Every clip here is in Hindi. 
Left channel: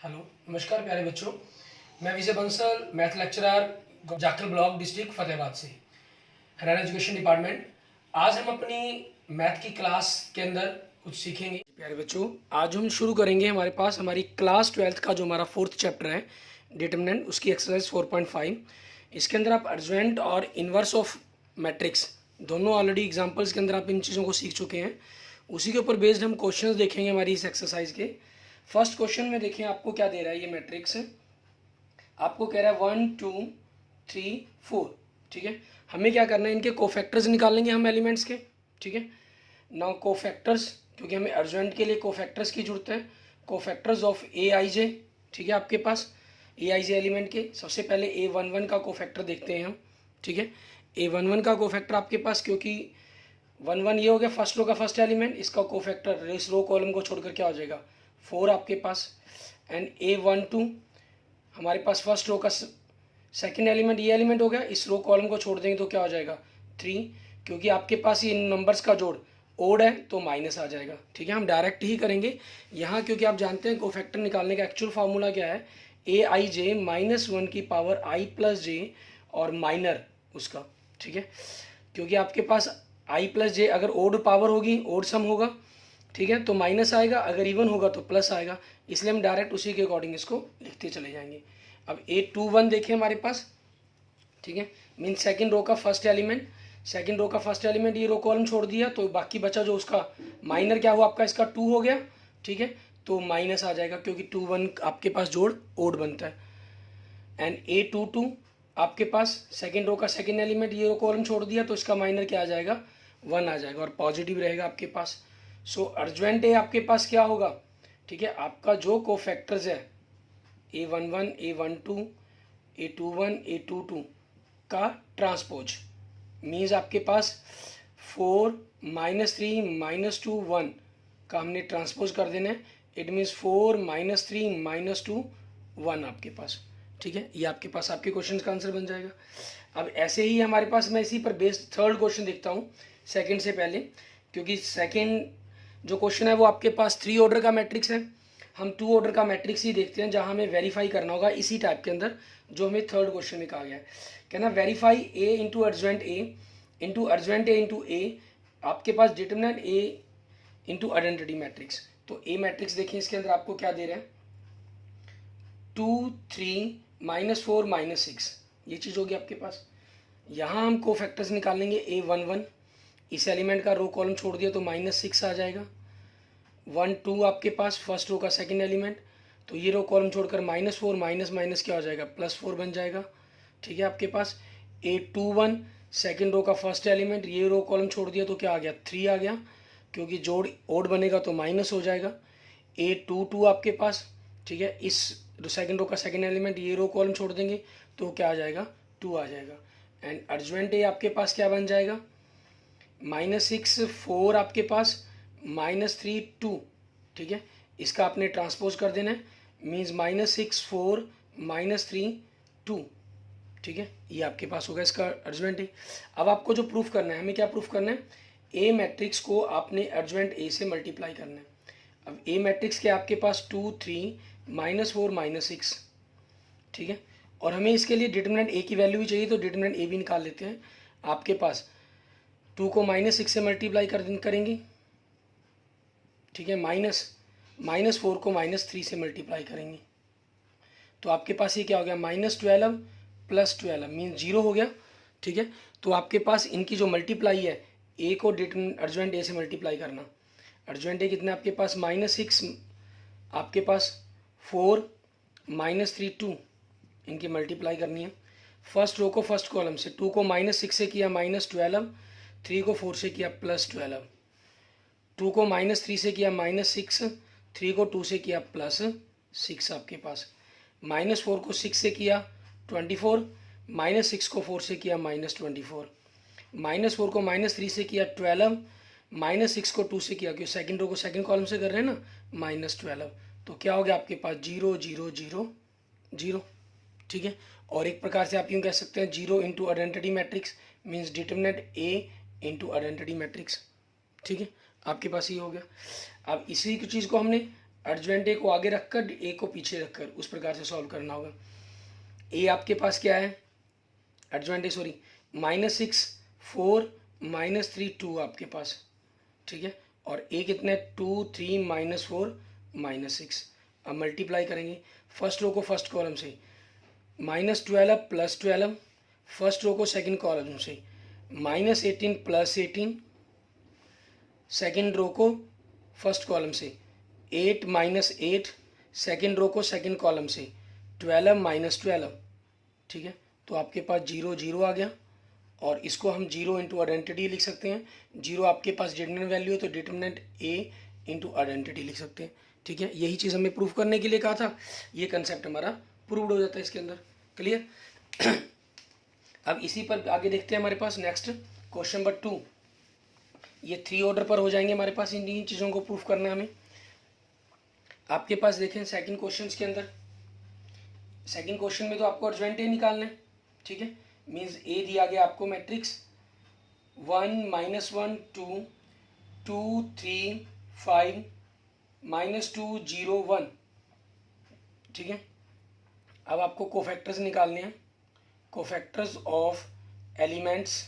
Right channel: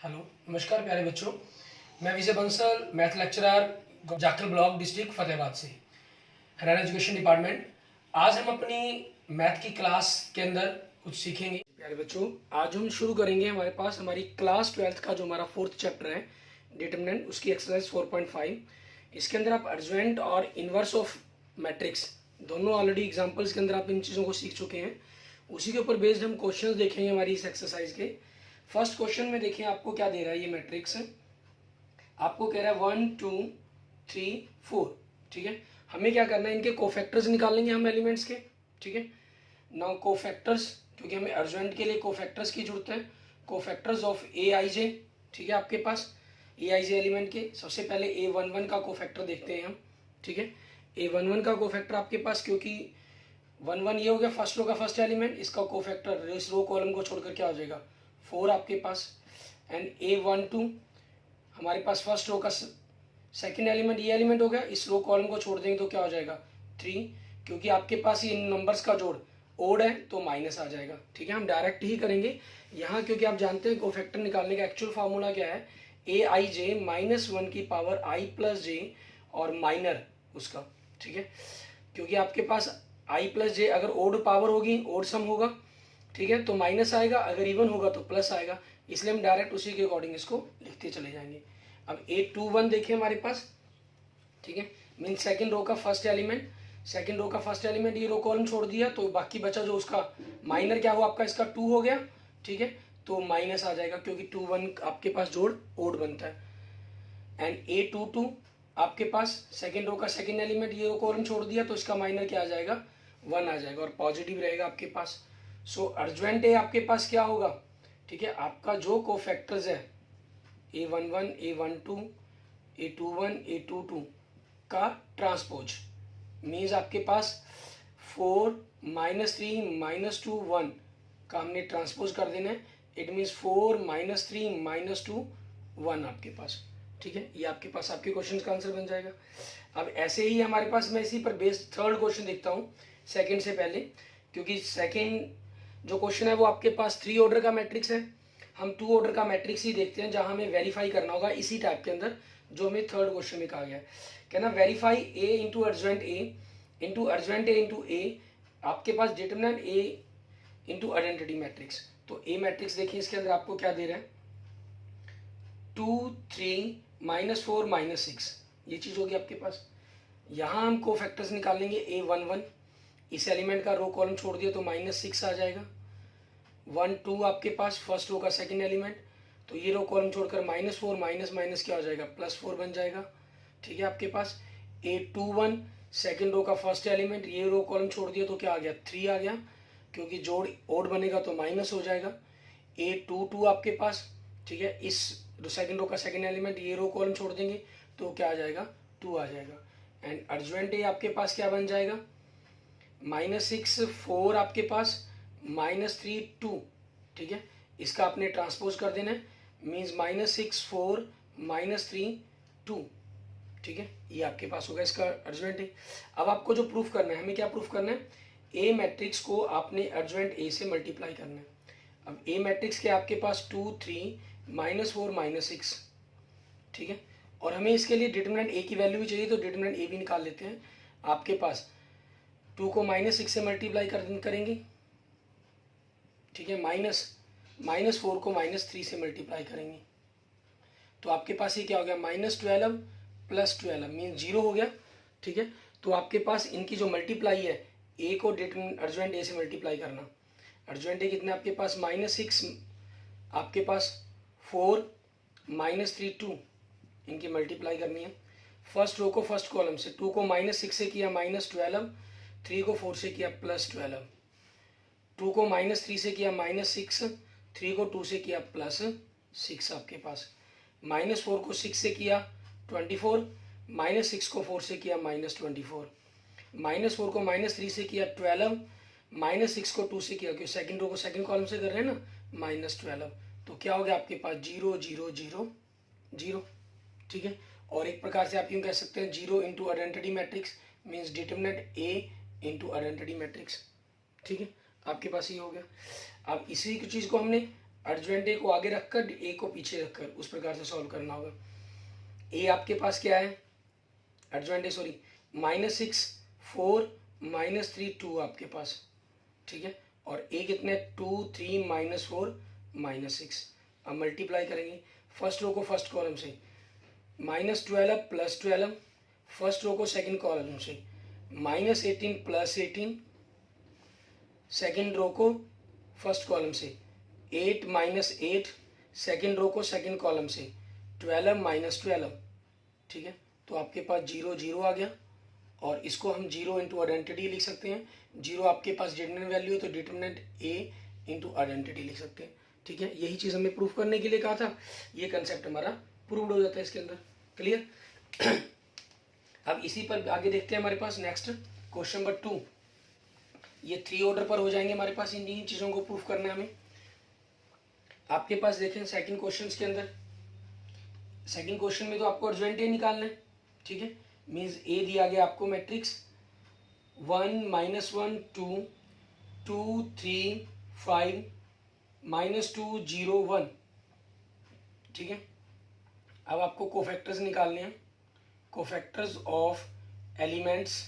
हेलो, नमस्कार प्यारे बच्चों। मैं Vijay Bansal, math lecturer, Jakhal block, district Fatehabad से, हरियाणा एजुकेशन डिपार्टमेंट। आज हम अपनी मैथ की क्लास के अंदर कुछ सीखेंगे। प्यारे बच्चों, आज हम शुरू करेंगे हमारे पास हमारी क्लास 12th का जो हमारा 4th चैप्टर है डिटरमिनेंट, उसकी एक्सरसाइज 4.5। इसके अंदर आप अर्जेंट और इन्वर्स ऑफ मैट्रिक्स दोनों ऑलरेडी एग्जाम्पल्स के अंदर आप इन चीज़ों को सीख चुके हैं। उसी के ऊपर बेस्ड हम क्वेश्चंस देखेंगे हमारी इस एक्सरसाइज के। फर्स्ट क्वेश्चन में देखिए आपको क्या दे रहा है, ये मैट्रिक्स आपको कह रहा है 1 2 3 4। ठीक है, हमें क्या करना है, इनके कोफैक्टर्स निकाल लेंगे हम एलिमेंट्स के। ठीक है, नाउ कोफैक्टर्स, क्योंकि हमें अर्जेंट के लिए कोफैक्टर्स की जरूरत है। कोफैक्टर्स ऑफ ए आई जे, ठीक है, आपके पास ए आई जे एलिमेंट के सबसे पहले A11 का कोफैक्टर देखते हैं हम। ठीक है, A11 का कोफैक्टर आपके पास, क्योंकि 1 1 ये हो गया फर्स्ट रो का फर्स्ट एलिमेंट, इसका कोफैक्टर इस रो कॉलम को छोड़कर क्या हो जाएगा 4 आपके पास। एंड A12 हमारे पास फर्स्ट रो का सेकंड एलिमेंट, ये एलिमेंट हो गया, इस रो कॉलम को छोड़ देंगे तो क्या हो जाएगा 3, क्योंकि आपके पास ये नंबर्स का जोड़ ओड है तो माइनस आ जाएगा। ठीक है, हम डायरेक्ट ही करेंगे यहाँ, क्योंकि आप जानते हैं कोफैक्टर निकालने का एक्चुअल फार्मूला क्या है, AI j -1 की पावर I प्लस जे और माइनर उसका। ठीक है, क्योंकि आपके पास I प्लस जे अगर ओड पावर होगी, ओड सम होगा, ठीक है, तो माइनस आएगा, अगर इवन होगा तो प्लस आएगा, इसलिए हम डायरेक्ट उसी के अकॉर्डिंग इसको लिखते चले जाएंगे। अब A21 देखें हमारे पास। ठीक है, मीन सेकंड रो का फर्स्ट एलिमेंट, सेकंड रो का फर्स्ट एलिमेंट ये रो कॉलम छोड़ दिया तो बाकी बचा जो उसका माइनर क्या हुआ आपका, इसका 2 हो गया। ठीक है, तो माइनस आ जाएगा क्योंकि 2 1 आपके पास जोड़ ओड बनता है। एंड A22 आपके पास सेकंड रो का सेकंड एलिमेंट ये रो कॉलम छोड़ दिया तो इसका माइनर क्या आ जाएगा 1 आ जाएगा और पॉजिटिव रहेगा आपके पास। सो अर्जेंट ए आपके पास क्या होगा, ठीक है, आपका जो कोफैक्टर्स है A11 A12 A21 A22 का ट्रांसपोज मीन्स आपके पास 4 -3 -2 1 का हमने ट्रांसपोज कर देना है। इट मीन्स 4 -3 -2 1 आपके पास। ठीक है, ये आपके पास आपके क्वेश्चन का आंसर बन जाएगा। अब ऐसे ही हमारे पास, मैं इसी पर बेस्ड थर्ड क्वेश्चन देखता हूँ सेकंड से पहले, क्योंकि सेकंड जो क्वेश्चन है वो आपके पास 3 ऑर्डर का मैट्रिक्स है। हम 2 ऑर्डर का मैट्रिक्स ही देखते हैं जहां हमें वेरीफाई करना होगा इसी टाइप के अंदर जो हमें थर्ड क्वेश्चन में कहा गया है। कहना verify A into adjoint A into adjoint A into A, आपके पास determinant A into identity matrix. तो A मैट्रिक्स देखिए, इसके अंदर आपको क्या दे रहे हैं 2 3 -4 -6, ये चीज़ होगी आपके पास। यहाँ हम कोफैक्टर्स निकालेंगे A11, इस एलिमेंट का रो कॉलम छोड़ दिया तो -6 आ जाएगा। 1 2 आपके पास फर्स्ट रो का सेकंड एलिमेंट, तो ये रो कॉलम छोड़कर -4 माइनस माइनस क्या हो जाएगा +4 बन जाएगा। ठीक है, आपके पास A21 सेकंड रो का फर्स्ट एलिमेंट, ये रो कॉलम छोड़ दिया तो क्या आ गया 3 आ गया, क्योंकि जोड़ ओड बनेगा तो माइनस हो जाएगा। A22 आपके पास, ठीक है, इस सेकंड रो का सेकंड एलिमेंट, ये रो कॉलम छोड़ देंगे तो क्या आ जाएगा 2 आ जाएगा। एंड अर्जेंट ए आपके पास क्या बन जाएगा -6 4 आपके पास -3 2। ठीक है, इसका आपने ट्रांसपोज कर देना है, मीन्स -6 4 -3 2। ठीक है, ये आपके पास होगा इसका अर्जेंट ए। अब आपको जो प्रूफ करना है, हमें क्या प्रूफ करना है, ए मैट्रिक्स को आपने अर्जेंट ए से मल्टीप्लाई करना है। अब ए मैट्रिक्स के आपके पास 2 3 -4 -6। ठीक है, और हमें इसके लिए डिटरमिनेंट ए की वैल्यू भी चाहिए तो डिटरमिनेंट ए भी निकाल लेते हैं। आपके पास 2 को -6 से मल्टीप्लाई करेंगे, ठीक है, -4 को -3 से मल्टीप्लाई करेंगे तो आपके पास ये क्या हो गया -12 + 12 मीन 0 हो गया। ठीक है, तो आपके पास इनकी जो मल्टीप्लाई है, ए को अर्जेंट ए से मल्टीप्लाई करना, अर्जेंट ए कितना आपके पास -6 आपके पास 4 -3 2, इनकी मल्टीप्लाई करनी है। फर्स्ट रो को फर्स्ट कॉलम से 2 को -6 से किया -12, 3 को 4 से किया +12, 2 को -3 से किया -6, 3 को 2 से किया +6 आपके पास। -4 को 6 से किया 24, -6 को 4 से किया -24, -4 को -3 से किया 12, -6 को 2 से किया, क्योंकि सेकंड रो को सेकंड कॉलम से कर रहे हैं ना -12, तो क्या हो गया आपके पास 0 0 0 0। ठीक है, और एक प्रकार से आप यूँ कह सकते हैं 0 into identity matrix means determinant A into identity matrix. ठीक है, आपके पास ये हो गया। अब इसी की चीज़ को हमने अर्जवेंट ए को आगे रखकर ए को पीछे रखकर उस प्रकार से सॉल्व करना होगा। ए आपके पास क्या है, अर्जवेंट ए सॉरी, -6 4 -3 2 आपके पास, ठीक है। और ए कितने 2 3 -4 -6। अब मल्टीप्लाई करेंगे फर्स्ट रो को फर्स्ट कॉलम से, -12 +12, फर्स्ट रो को सेकंड कॉलम से, -18 +18, सेकंड रो को फर्स्ट कॉलम से, 8 -8, सेकंड रो को सेकंड कॉलम से, 12 -12, ठीक है। तो आपके पास 0 0 आ गया, और इसको हम 0 इंटू आइडेंटिटी लिख सकते हैं। 0 आपके पास डिटरमिनेंट वैल्यू है तो डिटरमिनेंट ए इंटू आइडेंटिटी लिख सकते हैं, ठीक है। यही चीज़ हमें प्रूफ करने के लिए कहा था, ये कंसेप्ट हमारा प्रूव्ड हो जाता है इसके अंदर। क्लियर। अब इसी पर आगे देखते हैं हमारे पास नेक्स्ट क्वेश्चन नंबर 2। ये 3 ऑर्डर पर हो जाएंगे हमारे पास, इन चीज़ों को प्रूफ करना है हमें। आपके पास देखें सेकंड क्वेश्चन के अंदर, सेकंड क्वेश्चन में तो आपको अर्जवेंट ए निकालना है, ठीक है। मीन्स ए दिया गया आपको मैट्रिक्स 1 -1 2 2 3 5 -2 0 1, ठीक है। अब आपको कोफैक्टर्स निकालने हैं, कोफैक्टर्स ऑफ एलिमेंट्स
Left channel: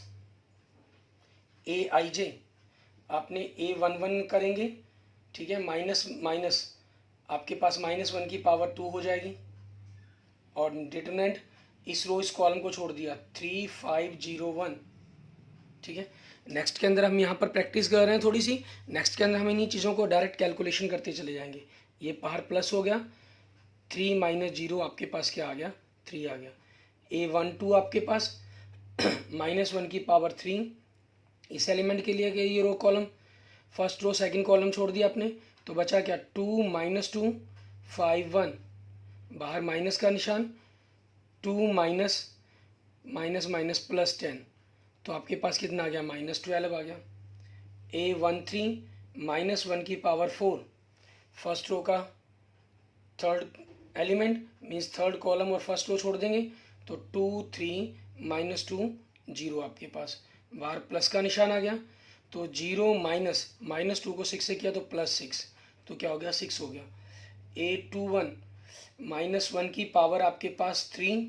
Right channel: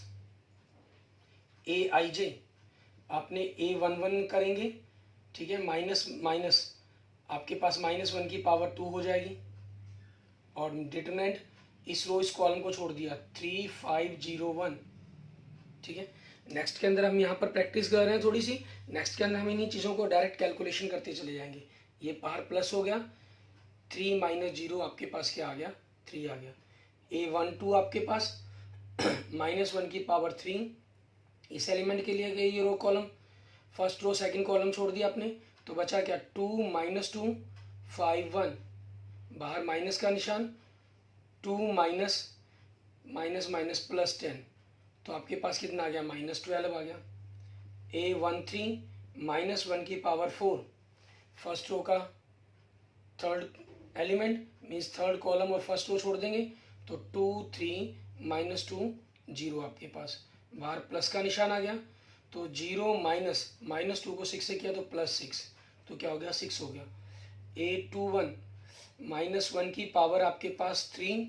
ए आई जे। आपने A11 करेंगे, ठीक है, माइनस माइनस आपके पास -1 की पावर 2 हो जाएगी, और डिटरमिनेंट इस रो इस कॉलम को छोड़ दिया 3 5 0 1, ठीक है। नेक्स्ट के अंदर हम यहाँ पर प्रैक्टिस कर रहे हैं थोड़ी सी, नेक्स्ट के अंदर हम इन्हीं चीज़ों को डायरेक्ट कैलकुलेशन करते चले जाएंगे। ये बाहर प्लस हो गया, 3 -0 आपके पास क्या आ गया 3 आ गया। A12 आपके पास -1 की पावर 3, इस एलिमेंट के लिए गया ये row column, first row second column छोड़ दिया आपने, तो बचा क्या 2 -2 5 1, बाहर माइनस का निशान, 2 माइनस प्लस 10, तो आपके पास कितना आ गया -12 आ गया। A13 -1 की पावर 4, फर्स्ट रो का third element means third column और फर्स्ट रो छोड़ देंगे, तो 2 3 -2 0 आपके पास, बाहर प्लस का निशान आ गया, तो 0 -2 को 6 से किया तो +6, तो क्या हो गया 6 हो गया। A21 -1 की पावर आपके पास 3,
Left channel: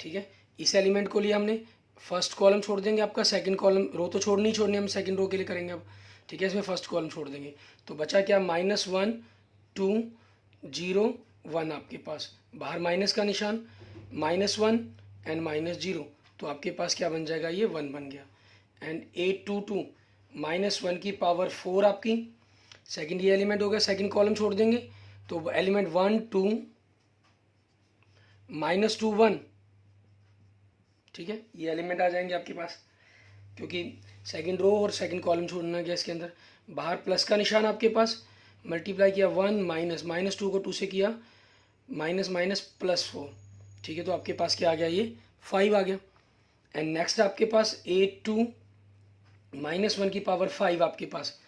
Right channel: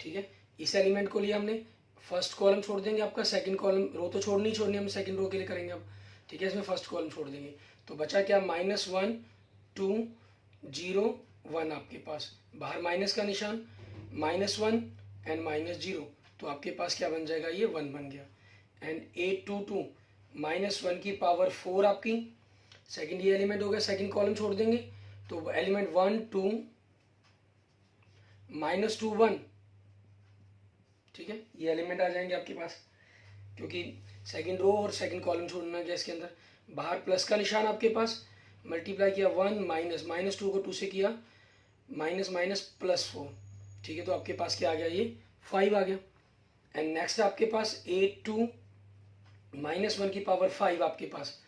ठीक है। इस एलिमेंट को लिया हमने, फर्स्ट कॉलम छोड़ देंगे आपका, सेकंड कॉलम रो तो छोड़नी छोड़नी, हम सेकंड रो के लिए करेंगे अब, ठीक है। इसमें फर्स्ट कॉलम छोड़ देंगे, तो बचा क्या -1 2 0 1 आपके पास, बाहर माइनस का निशान, -1 एंड -0, तो आपके पास क्या बन जाएगा ये 1 बन गया। एंड A22 -1 की पावर 4 आपकी, सेकंड ये एलिमेंट हो गया, सेकंड कॉलम छोड़ देंगे, तो एलिमेंट 1 2 -2 1, ठीक है। ये एलिमेंट आ जाएंगे आपके पास, क्योंकि सेकंड रो और सेकंड कॉलम छोड़ना गया इसके अंदर। बाहर प्लस का निशान आपके पास, मल्टीप्लाई किया 1 -2 को 2 से किया, +4, ठीक है। तो आपके पास क्या आ गया ये 5 आ गया। एंड नेक्स्ट आपके पास A2 -1 की पावर 5 आपके पास,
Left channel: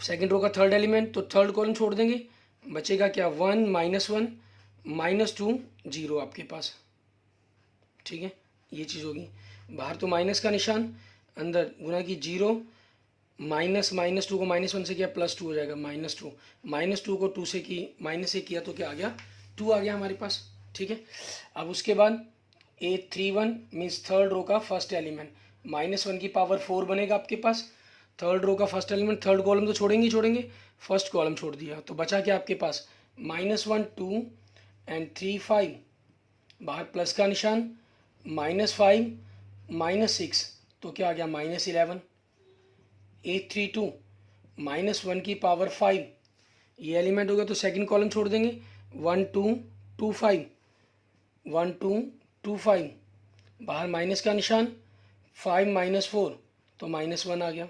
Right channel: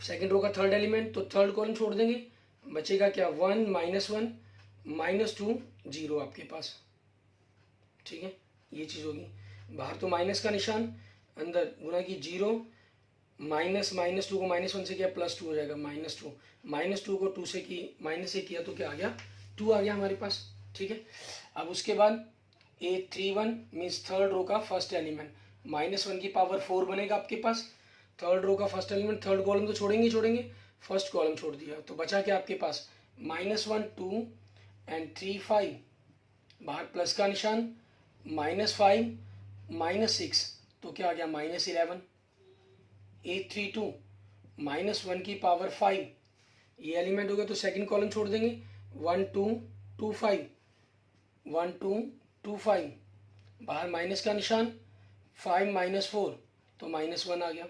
सेकेंड रो का थर्ड एलिमेंट, तो थर्ड कॉलम छोड़ देंगे, बचेगा क्या 1 -1 -2 0 आपके पास, ठीक है। ये चीज़ होगी, बाहर तो माइनस का निशान, अंदर गुना की 0, -2 को -1 से किया +2 हो जाएगा, -2 को 2 से की माइनस से किया तो क्या आ गया 2 आ गया हमारे पास, ठीक है। अब उसके बाद A31 मीन्स थर्ड रो का फर्स्ट एलिमेंट, -1 की पावर 4 बनेगा आपके पास, थर्ड रो का फर्स्ट एलिमेंट, थर्ड कॉलम तो छोड़ेंगे ही छोड़ेंगे, फर्स्ट कॉलम छोड़ दिया, तो बचा क्या आपके पास -1 2 एंड 3 5, बाहर प्लस का निशान, -5 -6, तो क्या आ गया -11। A32 -1 की पावर 5, ये एलिमेंट हो गया, तो सेकंड कॉलम छोड़ देंगे, 1 2 2 5 1 2 2 5, बाहर माइनस का निशान, 5 -4, तो -1 आ गया।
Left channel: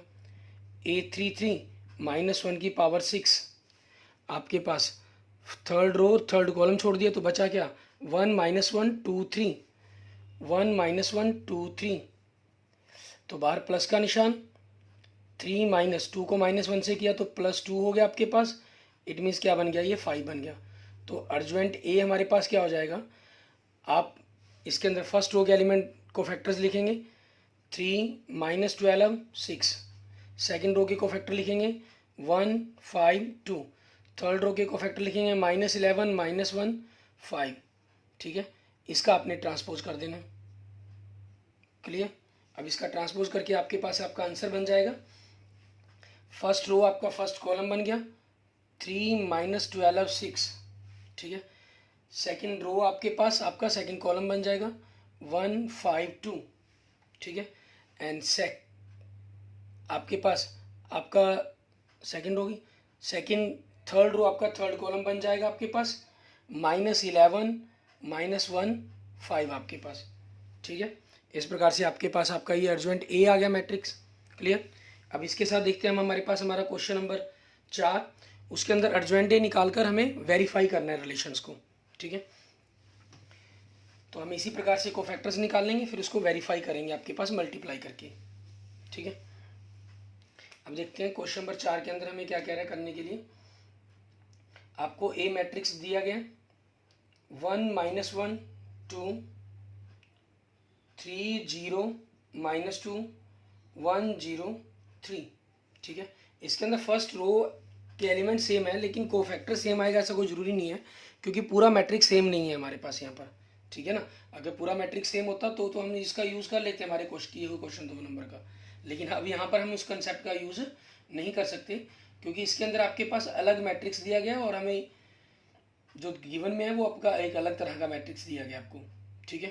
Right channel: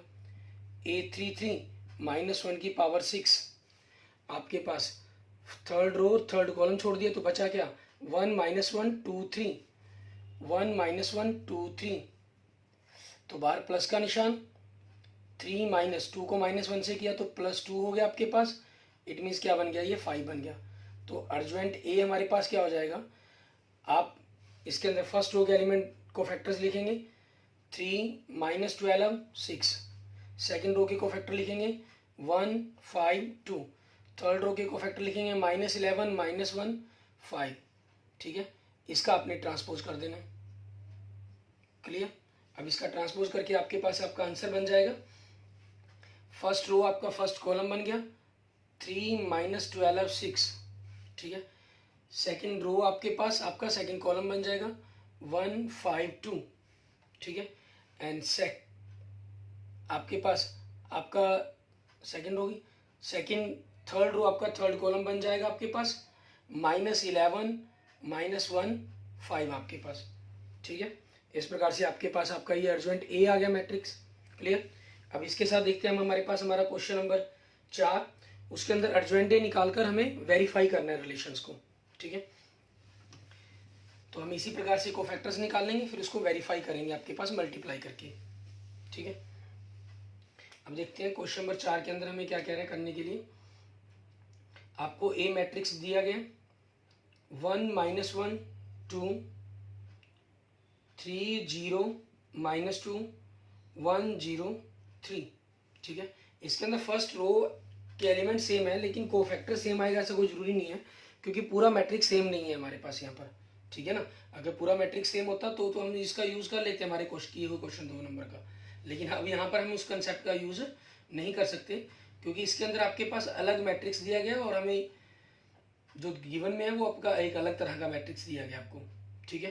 A33 -1 की पावर 6, आपके पास थर्ड रो थर्ड कॉलम छोड़ दिया, तो बचा क्या 1 -1 2 3, 1 -1 2 3, तो बाहर प्लस का निशान, 3 -2 को -1 से किया तो +2 हो गया आपके पास, इट मीन्स क्या बन गया ये 5 बन गया। तो अर्जवेंट ए हमारे पास क्या हो जाएगा, आप इसके अंदर फर्स्ट रो के एलिमेंट को फैक्टर्स लिखेंगे, 3 -12 6, सेकेंड रो के को फैक्टर लिखेंगे 1 5 2। थर्ड रो के कोफैक्टर लिखेंगे -11 -1 5। ठीक है, इसका आपने ट्रांसपोज कर देना। क्लियर। अब इसका ट्रांसपोज करके आपके पास आपका आंसर बन जाएगा। फर्स्ट रो आपका फर्स्ट कॉलम बन गया 3 -12 6। ठीक है, सेकंड रो आपके पास आपका सेकंड कॉलम बन जाएगा 1 5 2। ठीक है, एंड आपके पास आपका सेकंड रो की सेकंड थर्ड रो आपका थर्ड कॉलम बन जाएगा आपके पास -11 -1 5 आपके पास। ठीक है, इस प्रकार से आपके पास आपका ये अर्जेंट ए आ गया मैट्रिक्स। क्लियर। अब इसके साथ देखते हैं हम हमारे पास हमारा क्वेश्चन नंबर 4। उसके अंदर अर्जेंट ए निकालकर हमें वेरीफाई करना है रिलेशंस को। ठीक है, तो हम इसी प्रकार से कोफैक्टर्स निकाल लेंगे, फिर उसको वेरीफाई करेंगे आपके पास मल्टीप्लाई करके। ठीक है, अब देखते हैं क्वेश्चन नंबर 4 के अंदर हमें क्या कह रहा है करने के लिए। आपको ए मैट्रिक्स दिया गया 1 -1 2 3 0 -2 1 0 3। ठीक है, इसके अंदर फर्स्ट रो के एलिमेंट सेम है लेकिन कोफैक्टर सेम आएगा ऐसा कोई जरूरी नहीं है, क्योंकि पूरा मैट्रिक्स सेम नहीं है हमारे पास यहाँ पर। ठीक है ना, अगर पूरा मैट्रिक्स सेम होता तो हम इसका यूज कर लेते हमारे क्वेश्चन 2 नंबर का। लेकिन अब यहाँ पर हम उस कंसेप्ट का यूज नहीं कर सकते, क्योंकि इसके अंदर आपके पास अलग मैट्रिक्स दिया गया और हमें जो गिवन में है वो आपका एक अलग तरह का मैट्रिक्स दिया गया आपको। ठीक है,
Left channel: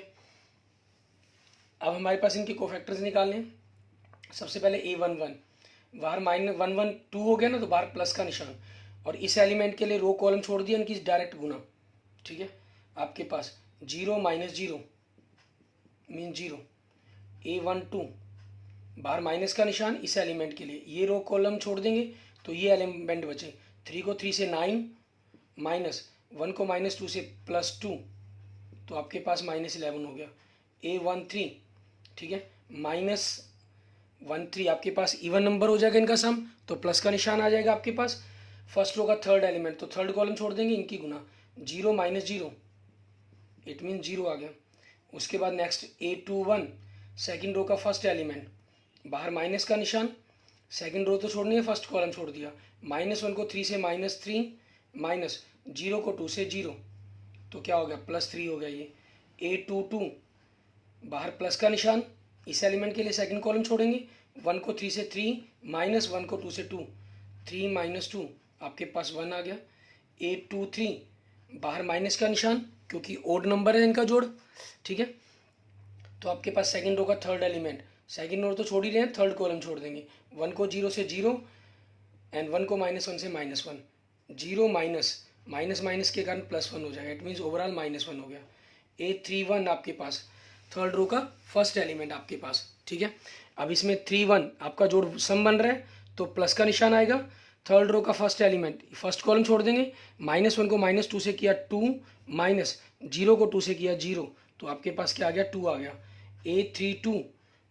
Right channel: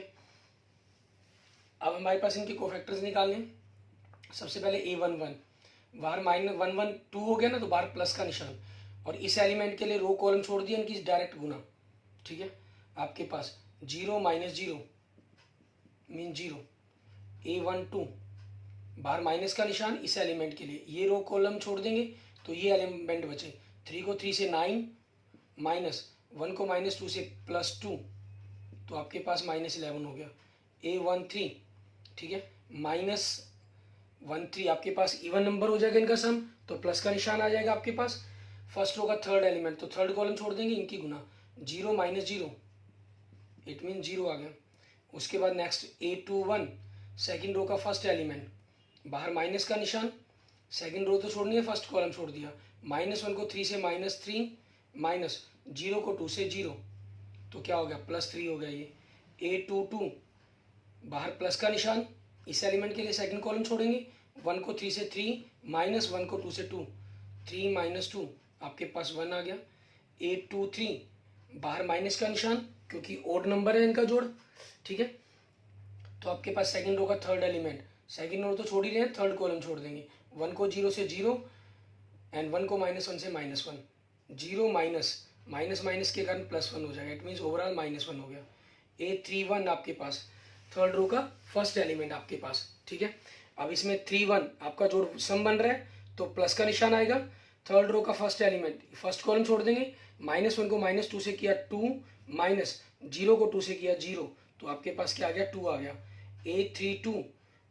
अब हमारे पास इनके कोफैक्टर्स निकालने हैं। सबसे पहले A11 बाहर -1 1 2 हो गया ना, तो बाहर प्लस का निशान, और इस एलिमेंट के लिए रो कॉलम छोड़ दिया इनकी डायरेक्ट गुना। ठीक है, आपके पास 0 -0 मीन 0 A12 बाहर माइनस का निशान इस एलिमेंट के लिए, ये रो कॉलम छोड़ देंगे तो ये एलिमेंट बचे 3 को 3 से 9 -1 को -2 से +2, तो आपके पास -11 हो गया। A13 ठीक है, -13 आपके पास इवन नंबर हो जाएगा इनका सम, तो प्लस का निशान आ जाएगा आपके पास। फर्स्ट रो का थर्ड एलिमेंट, तो थर्ड कॉलम छोड़ देंगे इनकी गुना 0 -0 इट मीन 0 आ गया। उसके बाद नेक्स्ट A21 सेकंड रो का फर्स्ट एलिमेंट, बाहर माइनस का निशान, सेकंड रो तो छोड़नी है फर्स्ट कॉलम छोड़ दिया, -1 को 3 से -3 -0 को 2 से 0, तो क्या हो गया +3 हो गया ये। A22 बाहर प्लस का निशान इस एलिमेंट के लिए सेकंड कॉलम छोड़ेंगे, 1 को 3 से 3 -1 को 2 से 2 3 -2 आपके पास 1 आ गया। A23 बाहर माइनस का निशान क्योंकि ओड नंबर है इनका जोड़। ठीक है, तो आपके पास सेकंड रो का थर्ड एलिमेंट, सेकंड रो तो छोड़ ही रहे हैं, थर्ड कॉलम छोड़ देंगे, 1 को 0 से 0 एंड 1 को -1 से -1 0 माइनस के कारण +1 हो जाएगा, इट मीन्स ओवरऑल -1 हो गया। A31 आपके पास थर्ड रो का फर्स्ट एलिमेंट आपके पास। ठीक है, अब इसमें 3 1 आपका जोड़ सम बन रहा है तो प्लस का निशान आएगा। थर्ड रो का फर्स्ट एलिमेंट फर्स्ट कॉलम छोड़ देंगे, -1 को -2 से किया 2 -0 को 2 से किया 0, तो आपके पास क्या आ गया 2 आ गया। A32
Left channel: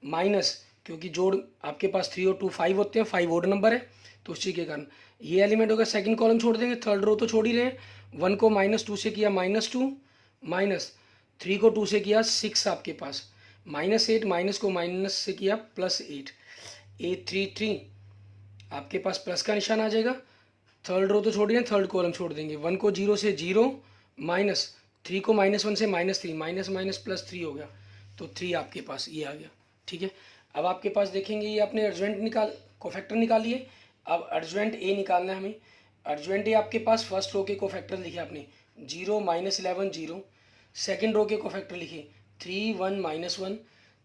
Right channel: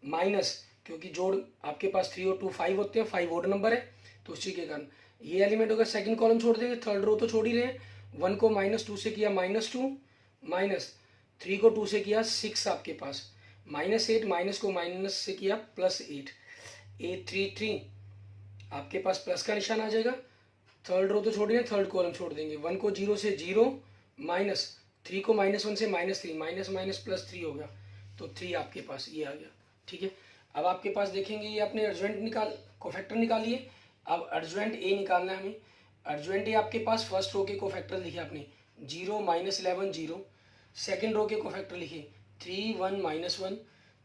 माइनस क्योंकि जोड़ आपके पास 3 और 2 5 होते हैं, 5 ओड नंबर है तो उसी के कारण ये एलिमेंट होगा। सेकंड कॉलम छोड़ देंगे, थर्ड रो तो छोड़ ही रहे हैं, 1 को -2 से किया -2 -3 को 2 से किया 6 आपके पास, -8 माइनस को माइनस से किया +8। A33 आपके पास प्लस का निशान आ जाएगा, थर्ड रो तो छोड़ रहे थर्ड कॉलम छोड़ देंगे, 1 को 0 से 0 -3 को -1 से -3 माइनस +3 हो गया, तो 3 आपके पास ये आ गया। ठीक है, अब आपके पास देखेंगे ये आपने अर्जेंट कोफैक्टर निकालिए। अब अर्जेंट ए निकालना है हमें। अर्जेंट ए आपके पास फर्स्ट रो के कोफैक्टर लिखे आपने 0 -11 0, सेकेंड रो के कोफैक्टर लिखे 3 1 -1,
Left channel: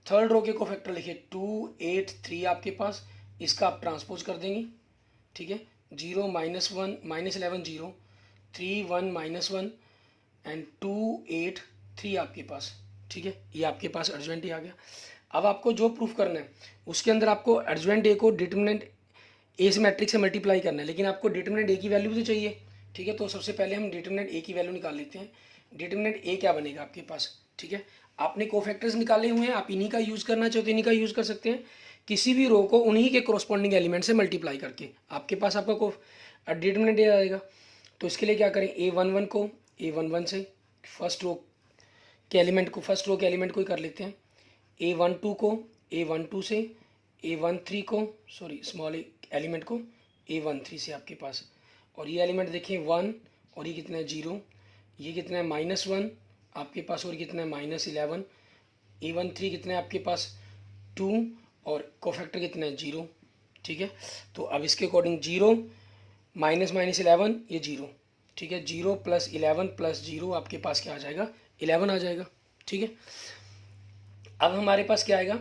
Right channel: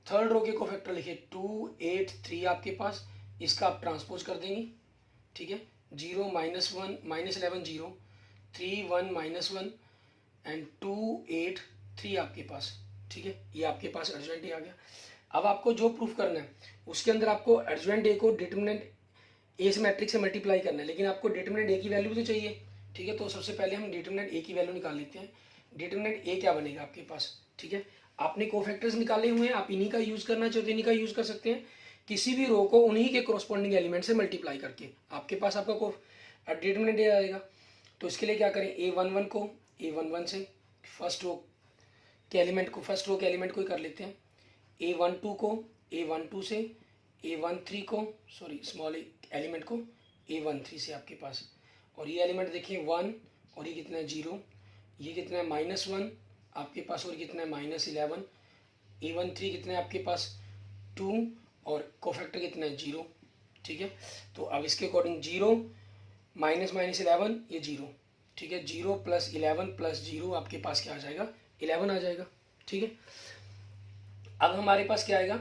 थर्ड रो के कोफैक्टर लिखे 2 8 3 आपके पास, इसका आप ट्रांसपोज कर देंगे। ठीक है, 0 -1 -11 0 3 1 -1 एंड 2 8 3 आपके पास। ठीक है, ये आपके पास अर्जेंट ए आ गया। अब आपको जो प्रूफ करना है उसके अंदर आपको अर्जेंट ए को डिटर्मिनेंट ए से मैट्रिक्स से मल्टीप्लाई करना है, लेकिन आपको डिटर्मिनेंट ए की वैल्यू भी तो चाहिए। ठीक है, तो सबसे पहले हम डिटर्मिनेंट ए की वैल्यू निकाल लेते हैं। डिटर्मिनेंट ए क्या बनेगा आपके पास। ठीक है, आपने कोफैक्टर्स निकाले हुए हैं, आप इन्हीं का यूज करना चाहते हो इन्हीं का यूज कर सकते हैं, किसी भी रो को उन्हीं के कोरस्पॉन्डिंग एलिमेंट से मल्टीप्लाई करके आपके पास आपका डिटर्मिनेंट ए आएगा। तो इसके लिए क्या करें, A11 को A11 से फर्स्ट रो के एलिमेंट को ही कर लेते हैं, A12 को A12 से, A13 को स्मॉल एलिमेंट को A13 से आपके पास। और ये एलिमेंट देखें 1 और ये कितना है 0, ये कितना है -1 आपके पास, और कितना है -11। A13 कितना है आपके पास 2 और कोफैक्टर कितना है 0। ठीक है, तो अब इसके अकॉर्डिंग 0 -11 ये 0। ठीक है, 0 + 11 + 0 आपके पास क्या आ जाएगा 11 आ जाएगा। ठीक है, अब हमारे पास क्या आएगा,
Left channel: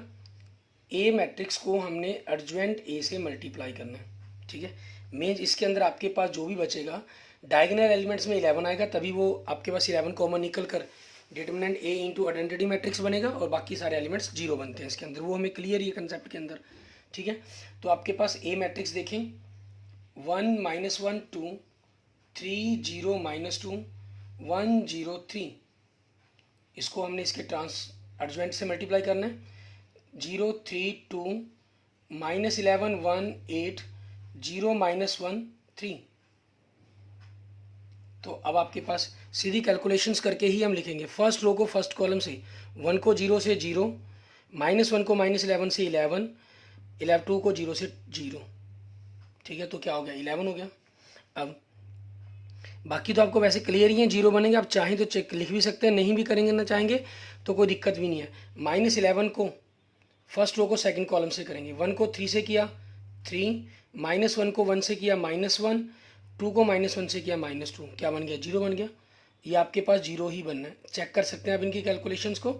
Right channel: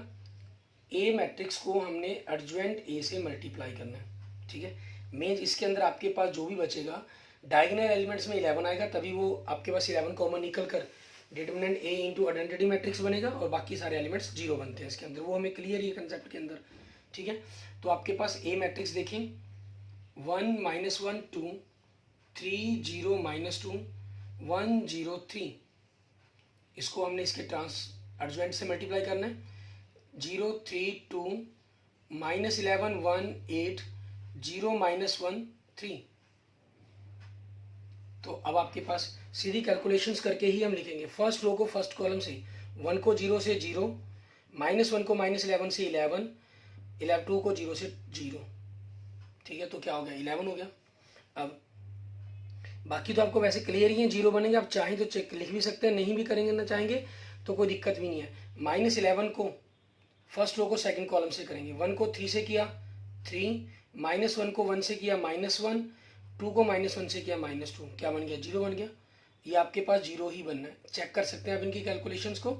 ए मैट्रिक्स को हमने एडजॉइंट ए से मल्टीप्लाई करना है। ठीक है, मीन्स इसके अंदर आपके पास जो भी बचेगा डायगोनल एलिमेंट्स में 11 आएगा, तभी वो आपके पास 11 कॉमन निकल कर determinant A into identity matrix बनेगा और बाकी सारे एलिमेंट्स 0 बनते हैं इसके अंदर। वो हमें क्लियर ही है कंसेप्ट के अंदर। ठीक है, तो आपके पास ए मैट्रिक्स देखें 1 -1 2 3 0 -2 1 0 3, इसको हमने इसके एडजॉइंट से मल्टीप्लाई करना है। 0 3 2 -11 1 8 0 -1 3। तो अब आपके पास सीधी कैलकुलेशंस करके ही हम लिखेंगे। फर्स्ट रो को फर्स्ट कॉलम से 1 को 0 से 0, -1 को -11 से 11, 2 को 0 से 0। ठीक है, तो क्या हो गया 11 हो गया। अब बाकी तो आपको वैसे क्लियर ही है, 0 बनेंगे। आप चाहें तो चेक लिख भी सकते हैं, नहीं भी करेंगे ना चाहेंगे तो कोई दिक्कत भी नहीं है। -11 को फर्स्ट रो को सेकंड कॉलम से करेंगे। 1 को 3 से किया 3, -1 को 1 से किया -1, 2 को -1 से किया -2, क्या बन गया 0 बन गया। ये आपके पास 0 ही बनना है, चेक कर सकते हैं आप इनकी कैलकुलेशंस को।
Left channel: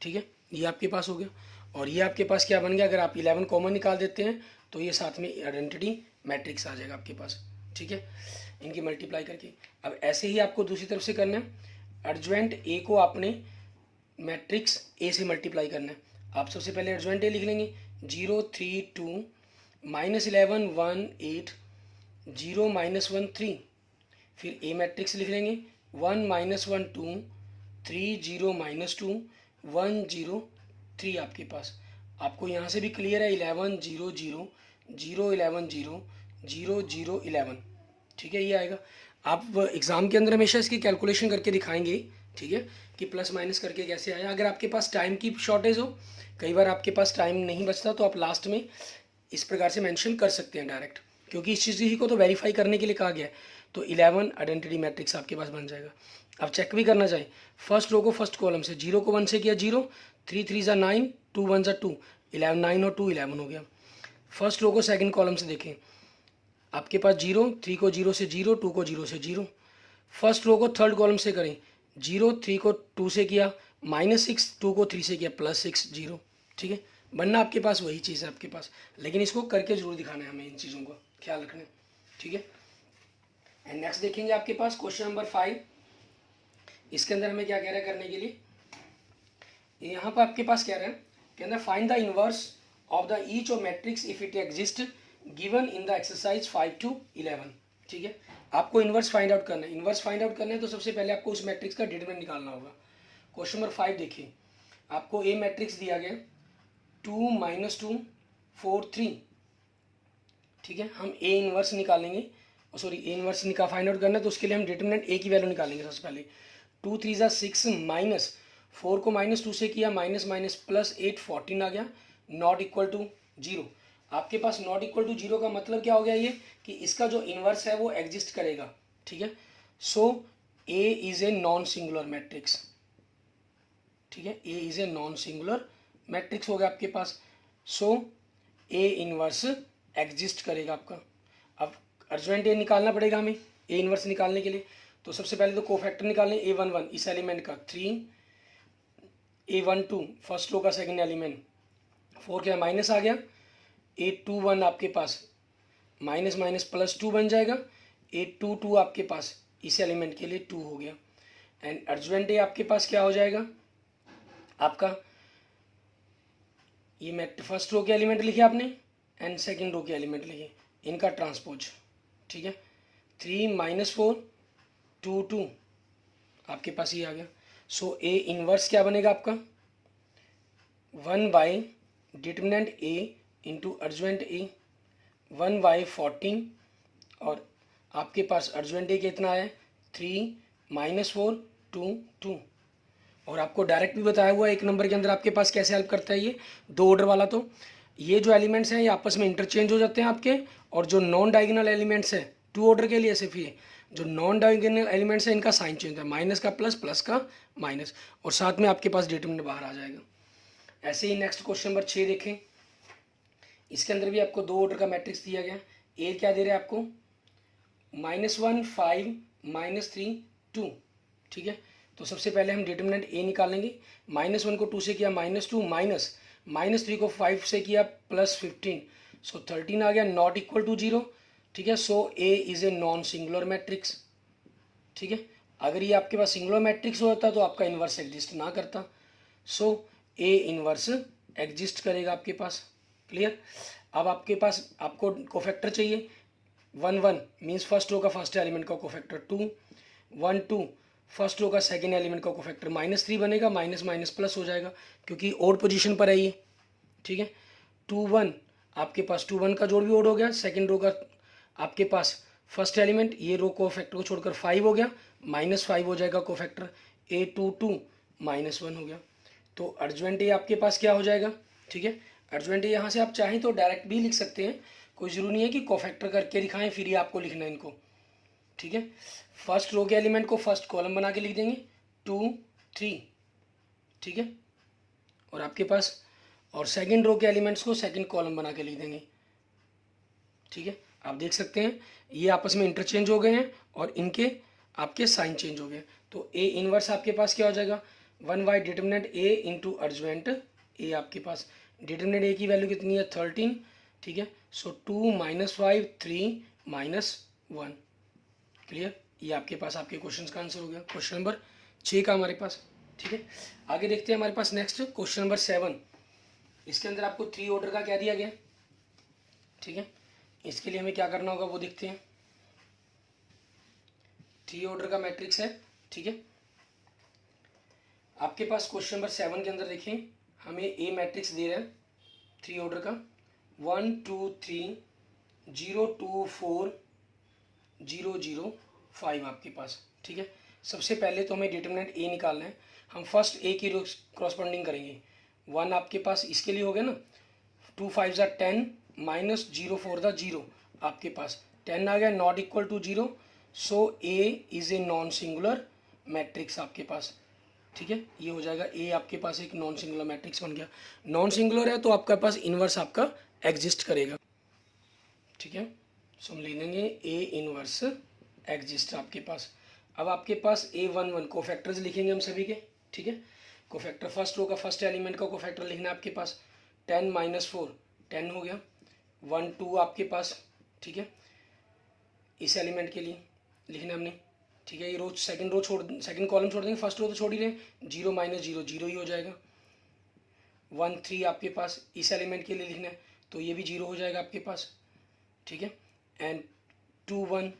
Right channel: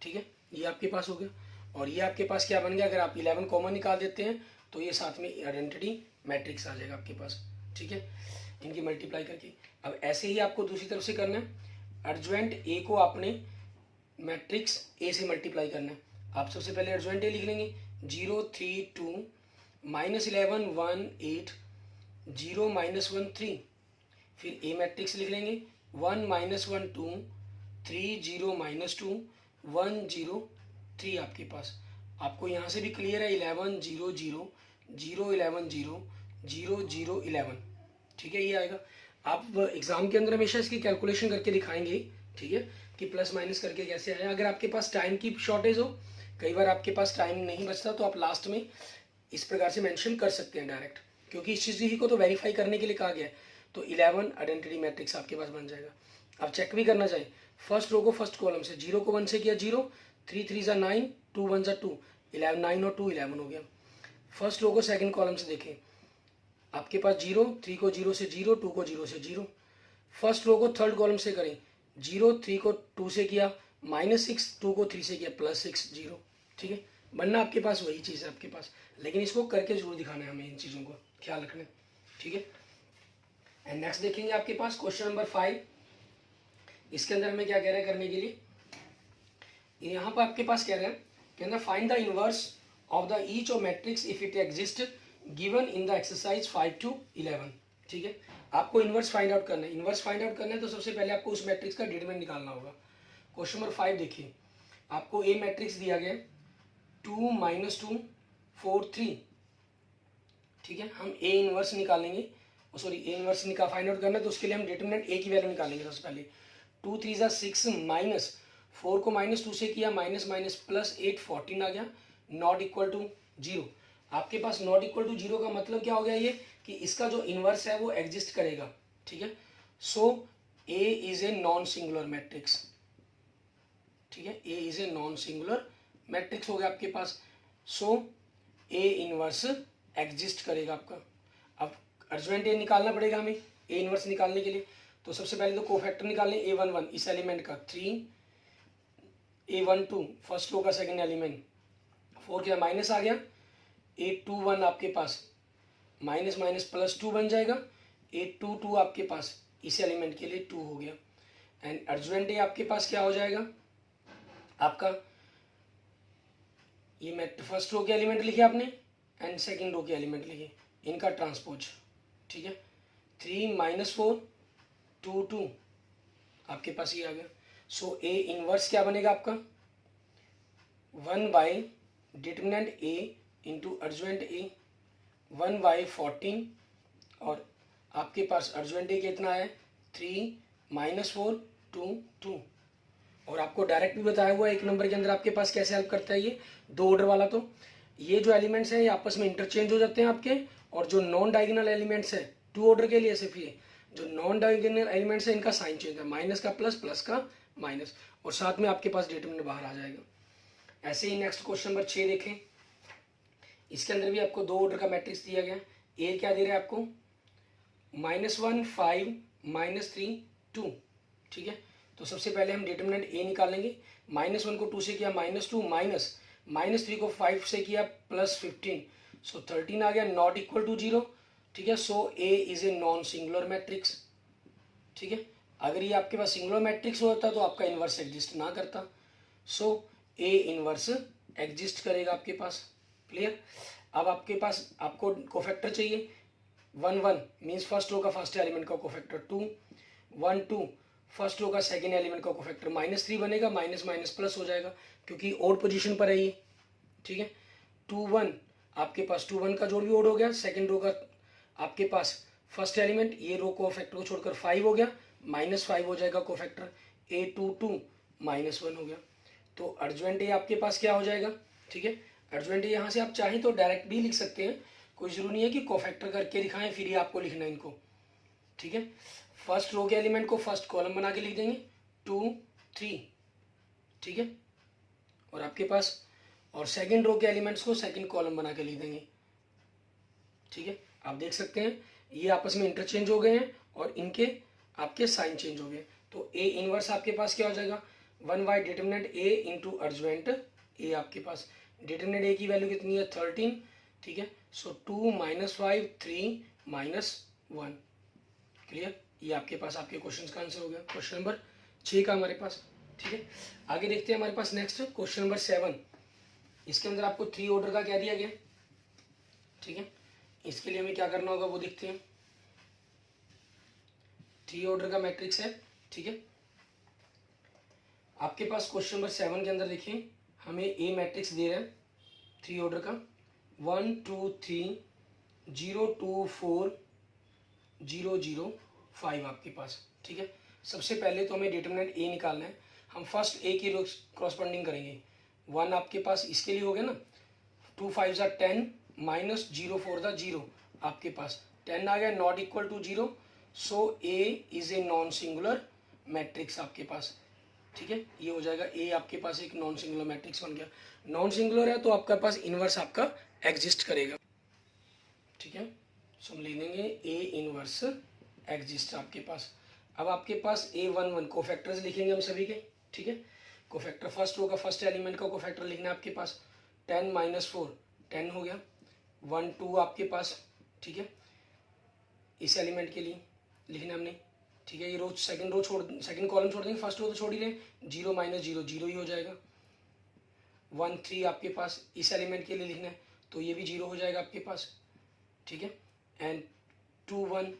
ठीक है, ये आपके पास हो गया। और ये आपके पास क्या बन गया, अगर आप 11 कॉमन निकाल देते हैं तो ये साथ में आइडेंटिटी मैट्रिक्स आ जाएगा आपके पास। ठीक है, इनकी मल्टीप्लाई करके। अब ऐसे ही आपको दूसरी तरफ से करना है। एडजॉइंट ए को आपने मैट्रिक्स ए से मल्टीप्लाई करना है। आप सबसे पहले एडजॉइंट ए लिख लेंगे 0 3 2 -11 1 8 0 -1 3। फिर ए मैट्रिक्स लिख लेंगे 1 -1 2 3 0 -2 1 0 3 आपके पास। आपको यहाँ से भी क्लियर है 11 0 0 0 11 0 0 0 11। ठीक है, ये आएगा। आप एग्ज़ाम के अंदर हमेशा इसकी कैलकुलेशन करके दिखाएंगे। ठीक है, कि प्लस माइनस करके कैसे आया। अगर आपके पास टाइम की शॉर्टेज हो, कई बार आपके पास टाइम नहीं बचता, तो आप लास्ट में इस प्रकार से मेंशन कर सकते हैं डायरेक्ट, क्योंकि इस चीज़ ही को तो वेरीफाई करने के लिए कहा गया है। तो 11 आइडेंटिटी मैट्रिक्स आपके पास बन जाएगा। आप चेक भी करना चाहिए, फर्स्ट रो को फर्स्ट कॉलम से 0 को 1 से किया 0, 3 3 ज़ा 9, 2 1 ज़ा 2, 11 9 और 2 11 हो गया। फर्स्ट रो को सेकंड कॉलम से देखें, आपके पास 0, 3 को 0 से 0, 2 को 0 से 0। फर्स्ट रो को थर्ड कॉलम से करें, 0 3 को 2 से किया -6, 2 को 3 से किया +6 0। ठीक है, बनना आपके पास वही चीज़ है आपके पास, लेकिन इसको करके जरूर दिखाना है हमें, इन चीज़ों को ख्याल रखना है। ठीक है, एंड नेक्स्ट देखेंगे आपके पास क्वेश्चन नंबर 5। इसके अंदर हमें क्या कह रहा है करने के लिए, यहाँ पर आपके पास कह रहे हैं कि अंदर find the inverse of the each of matrix if it exist given in the exercise 5 to 11। ठीक है, आपको इनवर्स फाइंड आउट करना है। इनवर्स फाइंड आउट करना है तो सबसे पहले आपको उस मैट्रिक्स का डिटरमिनेंट निकालना होगा। क्वेश्चन नंबर 5 देखिए, आपको ए मैट्रिक्स दिया गया 2 -2 4 3। ठीक है, हम ए इनवर्स निकालेंगे, sorry A inverse find out करना है, तो उसके लिए हम डिटरमिनेंट ए की वैल्यू निकालेंगे सबसे पहले। 2 3 ज़ा 6 -4 को -2 से किया -+8 14 आ गया, नॉट इक्वल टू 0। आपके पास नॉट इक्वल टू 0 का मतलब क्या हो गया, ये कि इसका जो इनवर्स है वो एग्जिस्ट करेगा। ठीक है, so A is a non singular matrix. ठीक है, A is a non singular matrix हो गया आपके पास। सो ए इनवर्स एग्जिस्ट करेगा आपका। अब अर्जेंट ए निकालना पड़ेगा हमें ए इनवर्स निकालने के लिए। तो सबसे पहले तो कोफैक्टर निकालें A11 इस एलिमेंट का 3, A12 फर्स्ट रो का सेकंड एलिमेंट 4 के माइनस आ गया, A21 आपके पास माइनस माइनस +2 बन जाएगा, A22 आपके पास इस एलिमेंट के लिए 2 हो गया। एंड अर्जेंट ए आपके पास क्या हो जाएगा आपका, ये फर्स्ट रो के एलिमेंट लिखे आपने एंड सेकंड रो के एलिमेंट लिखे, इनका ट्रांसपोज। ठीक है, 3 -4 2 2 आपके पास ये आ गया। सो ए इनवर्स क्या बनेगा आपका 1 डिटरमिनेंट ए इंटू अर्जेंट ए 1/14, और आपके अर्जेंट ए कितना है 3 -4 2 2। और आपको डायरेक्ट भी बताया हुआ एक नंबर के अंदर आपके पास कैसे हेल्प करता है ये 2 ऑर्डर वाला। तो ये जो एलिमेंट्स हैं ये आपस में इंटरचेंज हो जाते हैं आपके, और जो नॉन डायगोनल एलिमेंट्स है टू ऑर्डर के लिए सिर्फ ये जो नॉन डायगोनल एलिमेंट्स है इनका साइन चेंज है, माइनस का प्लस, प्लस का माइनस, और साथ में आपके पास डिटरमिनेंट बाहर आ जाएगा। ऐसे ही नेक्स्ट क्वेश्चन नंबर 6 देखें। इसके अंदर भी आपको 2 ऑर्डर का मैट्रिक्स दिया गया। ए क्या दे रहा है आपको, -1 5 -3 2, ठीक है। तो सबसे पहले हम डिटरमिनेंट ए निकालेंगे। -1 को 2 से किया -2, -3 को 5 से किया +15, सो 13 आ गया, नॉट इक्वल टू 0, ठीक है। So A is a non singular matrix, ठीक है। अगर ये आपके पास सिंगुलर मैट्रिक्स होता तो आपका इन्वर्स एग्जिस्ट ना करता, सो ए इन्वर्स एग्जिस्ट करेगा आपके पास, क्लियर। अब आपके पास आपको कोफैक्टर चाहिए, 1 1 मीन्स फर्स्ट रो का फर्स्ट एलिमेंट का कोफैक्टर 2, 1 2 फर्स्ट रो का सेकेंड एलिमेंट का कोफैक्टर -3 बनेगा, माइनस माइनस प्लस हो जाएगा क्योंकि ओड पोजीशन पर है ये, ठीक है। 2 1 आपके पास 2 1 का जोड़ भी ओड हो गया, सेकेंड रो का आपके पास फर्स्ट एलिमेंट ये रो कोफैक्टर को छोड़कर 5 हो गया, -5 हो जाएगा कोफैक्टर, A 2 2 -1 हो गया। तो अर्जवेंट ये आपके पास क्या हो जाएगा, ठीक है। अर्जवेंट यहाँ से आप चाहें तो डायरेक्ट भी लिख सकते हैं, कोई जरूरी नहीं है कि कोफैक्टर करके दिखाएं फिर ही आपको लिखना है इनको, ठीक है। फर्स्ट रो के एलिमेंट को फर्स्ट कॉलम बना के लिख देंगे 2 3, ठीक है। और आपके पास और सेकंड रो के एलिमेंट्स को सेकंड कॉलम बना के लिख देंगे, ठीक है। आप देख सकते हैं ये आपस में इंटरचेंज हो गए हैं और इनके आपके साइन चेंज हो गए। तो ए इनवर्स आपके पास क्या हो जाएगा, 1/, डिटरमिनेंट ए इंटू अर्जवेंट ए, आपके पास डिटरमिनेंट ए की वैल्यू कितनी है 13, ठीक है। सो 2 -5 3 -1, क्लियर। ये आपके पास आपके क्वेश्चन का आंसर हो गया, क्वेश्चन नंबर 6 का हमारे पास, ठीक है। आगे देखते हैं हमारे पास नेक्स्ट क्वेश्चन नंबर 7। इसके अंदर आपको 3 ऑर्डर का क्या दिया गया, ठीक है। इसके लिए हमें क्या करना होगा वो देखते हैं। 3 ऑर्डर का मैट्रिक्स है, ठीक है। आपके पास क्वेश्चन नंबर 7 के अंदर देखिए हमें ए मैट्रिक्स दे रहा है 3 ऑर्डर का, 1 2 3 0 2 4 0 0 5 आपके पास, ठीक है। सबसे पहले तो हमें डिटरमिनेंट ए निकालना है। हम फर्स्ट ए की क्रॉसपोंडिंग करेंगे। 1 आपके पास इसके लिए हो गया ना, 2 5 ज़ा 10 -0 4 ज़ा 0, आपके पास 10 आ गया, not equal to 0, so A is a non singular matrix आपके पास, ठीक है। ये हो जाएगा ए आपके पास एक नॉन सिंगुलर मैट्रिक्स बन गया। नॉन सिंगुलर है तो आपके पास इनवर्स आपका एग्जिस्ट करेगा, ठीक है। सो हम लिख देंगे ए इनवर्स एग्जिस्ट आपके पास। अब आपके पास A1 1 कोफैक्टर्स लिखेंगे हम सभी के, ठीक है। कोफैक्टर फर्स्ट रो का फर्स्ट एलिमेंट का कोफैक्टर लिखना है आपके पास, 10 -4 10 हो गया, 1 2 आपके पास, ठीक है। इस एलिमेंट के लिए लिखना हमने, ठीक है। ये रो सेकंड कॉलम छोड़ देंगे, फर्स्ट रो तो छोड़ ही रहे, 0 -0 0 ही हो जाएगा। 1 3 आपके पास इस एलिमेंट के लिए लिखना है तो ये भी 0 हो जाएगा आपके पास, ठीक है। एंड 2 1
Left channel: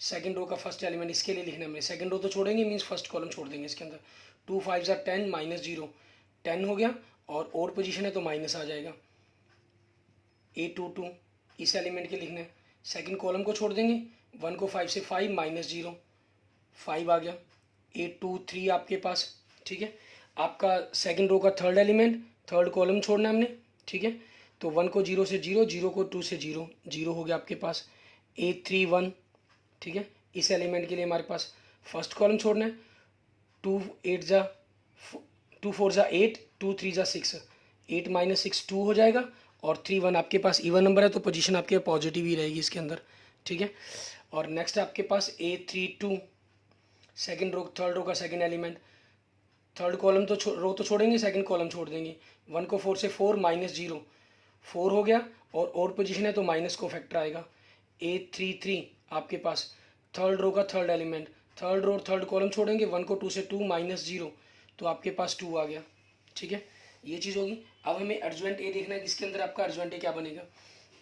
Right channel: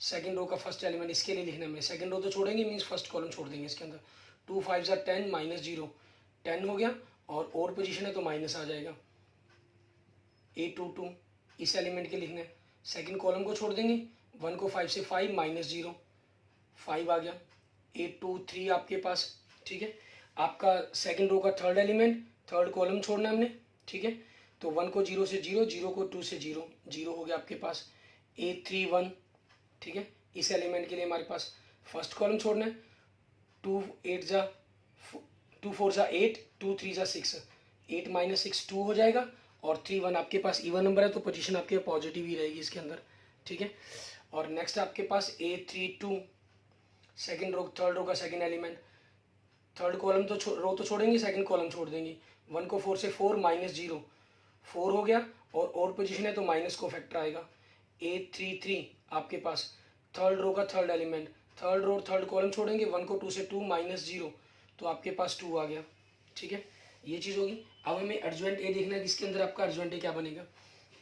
सेकंड रो का फर्स्ट एलिमेंट इसके लिए लिखना है, सेकंड रो तो छोड़ेंगे मीन्स फर्स्ट कॉलम छोड़ देंगे इसके अंदर। 2 5 ज़ा 10 -0 10 हो गया, और पोजीशन है तो माइनस आ जाएगा। A 2 2 इस एलिमेंट के लिखना है, सेकंड कॉलम को छोड़ देंगे, 1 को 5 से 5 -0 5 आ गया। A 2 3 आपके पास, ठीक है। आपका सेकंड रो का थर्ड एलिमेंट थर्ड कॉलम छोड़ना है हमने, ठीक है। तो 1 को 0 से 0, 0 को 2 से 0 0 हो गया आपके पास। A 3 1, ठीक है। इस एलिमेंट के लिए हमारे पास फर्स्ट कॉलम छोड़ना है, 2 4 ज़ा 8 2 3 ज़ा 6 8 -6 2 हो जाएगा, और 3 1 आपके पास इवन नंबर है तो पोजीशन आपके पॉजिटिव ही रहेगी इसके अंदर, ठीक है। और नेक्स्ट आपके पास A 3 2 second row third row का सेकंड एलिमेंट, थर्ड कॉलम तो रो तो छोड़ेंगे, सेकंड कॉलम छोड़ देंगे। 1 को 4 से 4 -0 4 हो गया, और पोजीशन है तो माइनस को फैक्टर आएगा। A 3 3 आपके पास थर्ड रो का third element, third row third column छोड़ेंगे, 1 को 2 से 2 -0 तो आपके पास 2 आ गया, ठीक है। ये चीज़ होगी। अब हमें अर्जवेंट ए देखना है, जिसके अंदर आपका अर्जवेंट ए क्या बनेगा।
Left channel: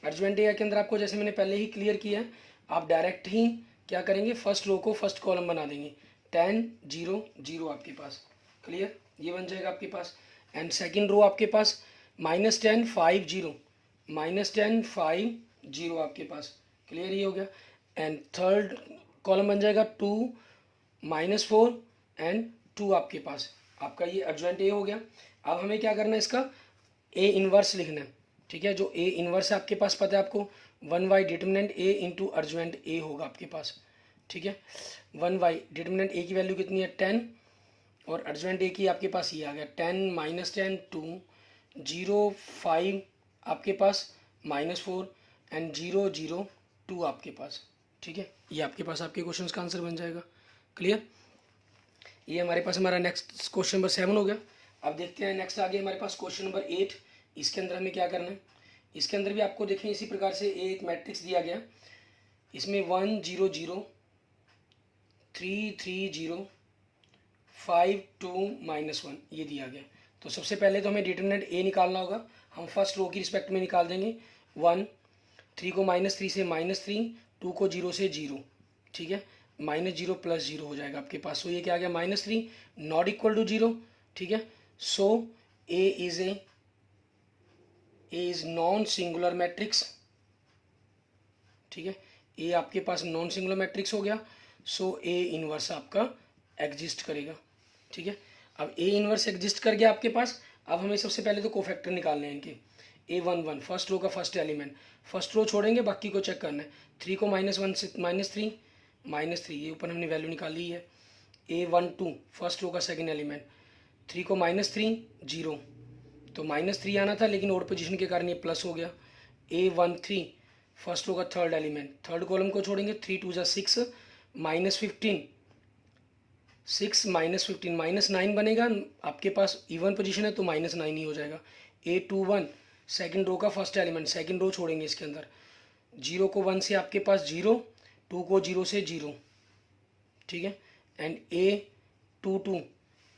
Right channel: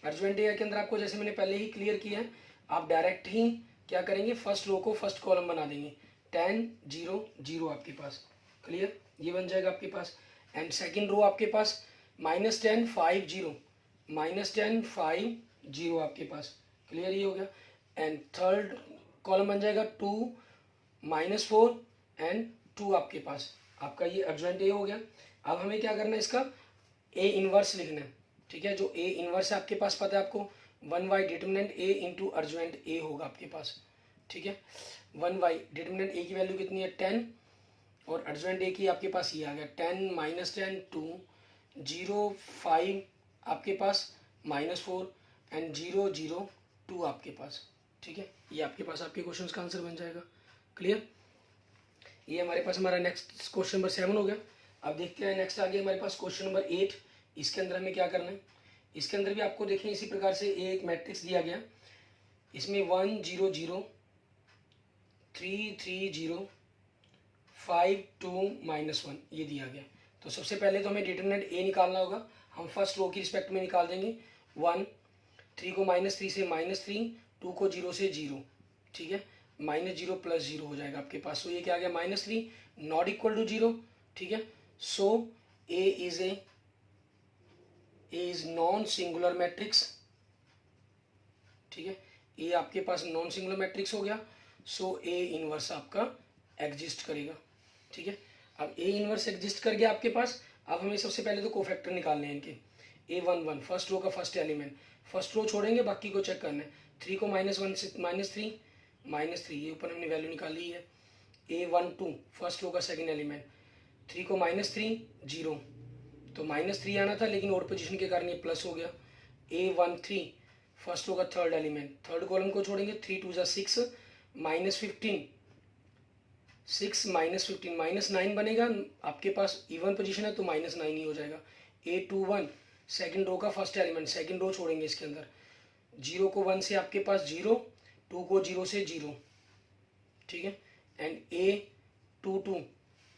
अर्जवेंट ए के अंदर आपको जैसे मैंने पहले ही क्लियर किया है, आप डायरेक्ट ही क्या करेंगे, फर्स्ट रो को फर्स्ट कॉलम बना देंगे, 10 0 0 आपके पास, क्लियर। ये बन जाएगा आपके पास। एंड सेकेंड रो आपके पास -10 5 0 -10 5 0 आपके पास, क्लियर। ये हो गया। एंड थर्ड कॉलम बन जाएगा 2 -4 एंड 2 आपके पास, आपका ये अर्जवेंट ए हो गया। अब हमें क्या करना है, इसका ए इनवर्स लिखना है, ठीक है। जो ए इनवर्स है आपके पास पता है आपको, 1/, डिटर्मिनेंट ए इंटू अर्जुमेंट ए होगा आपके पास, ठीक है। 1/, डिटर्मिनेंट ए की वैल्यू कितनी है 10, और अर्जुमेंट ए की आपके पास ये आ गया 10 - 10 2, 0 5 आपके पास -4 एंड 0 0 2 आपके पास, ठीक है। ये आपके पास आपके क्वेश्चन का आंसर बन जाएगा। क्लियर। ये हमारे पास हमारा नेक्स्ट क्वेश्चन नंबर 7 हो गया। अब देखते हैं नेक्स्ट आगे हमारे पास क्वेश्चन नंबर 8। इसके अंदर हमें क्या करना है, इसके अंदर भी आपको देखें इसी प्रकार से एक मैट्रिक्स दिया गया, इसमें 1 0 0 3 3 0 5 2 -1 ये दिया गया। तो सबसे पहले तो हमें डिटरमिनेंट ए निकालना होगा। हम फर्स्ट रो की रिस्पेक्ट में निकाल देंगे 1, 3 को -3 से -3, 2 को 0 से 0, ठीक है। -0 + 0 हो जाएगा आपके पास। सो ये क्या आ गया -3 नॉट इक्वल टू 0, ठीक है। So A is non singular matrix, ठीक है। ए आपके पास नॉन सिंगुलर मैट्रिक्स हो गया। सो ए इनवर्स आपका एग्जिस्ट करेगा, ठीक है। अब ए इनवर्स एग्जिस्ट कर गया आपके पास। अब हमें सबसे पहले तो कोफैक्टर निकालने हैं इनके। A11 फर्स्ट रो का फर्स्ट एलिमेंट, फर्स्ट रो छोड़ेंगे बाकी को चेक करना है। 3 को -1 से -3 ये ऊपर हमने वैल्यू निकाली है। A12 फर्स्ट रो का सेकंड एलिमेंट, 3 को -3 0, तो -3 आना था लेकिन ओड पोजीशन के कारण ये प्लस हो गया। A13 फर्स्ट रो का थर्ड एलिमेंट, थर्ड कॉलम को छोड़ेंगे, 3 2 6 -15 6 -15 -9 बनेगा आपके पास। इवन पोजीशन है तो -9 ही हो जाएगा। A21 सेकंड रो का फर्स्ट एलिमेंट, सेकंड रो छोड़ेंगे इसके अंदर, 0 को 1 से आपके पास 0, 2 को 0 से 0, ठीक है। एंड A22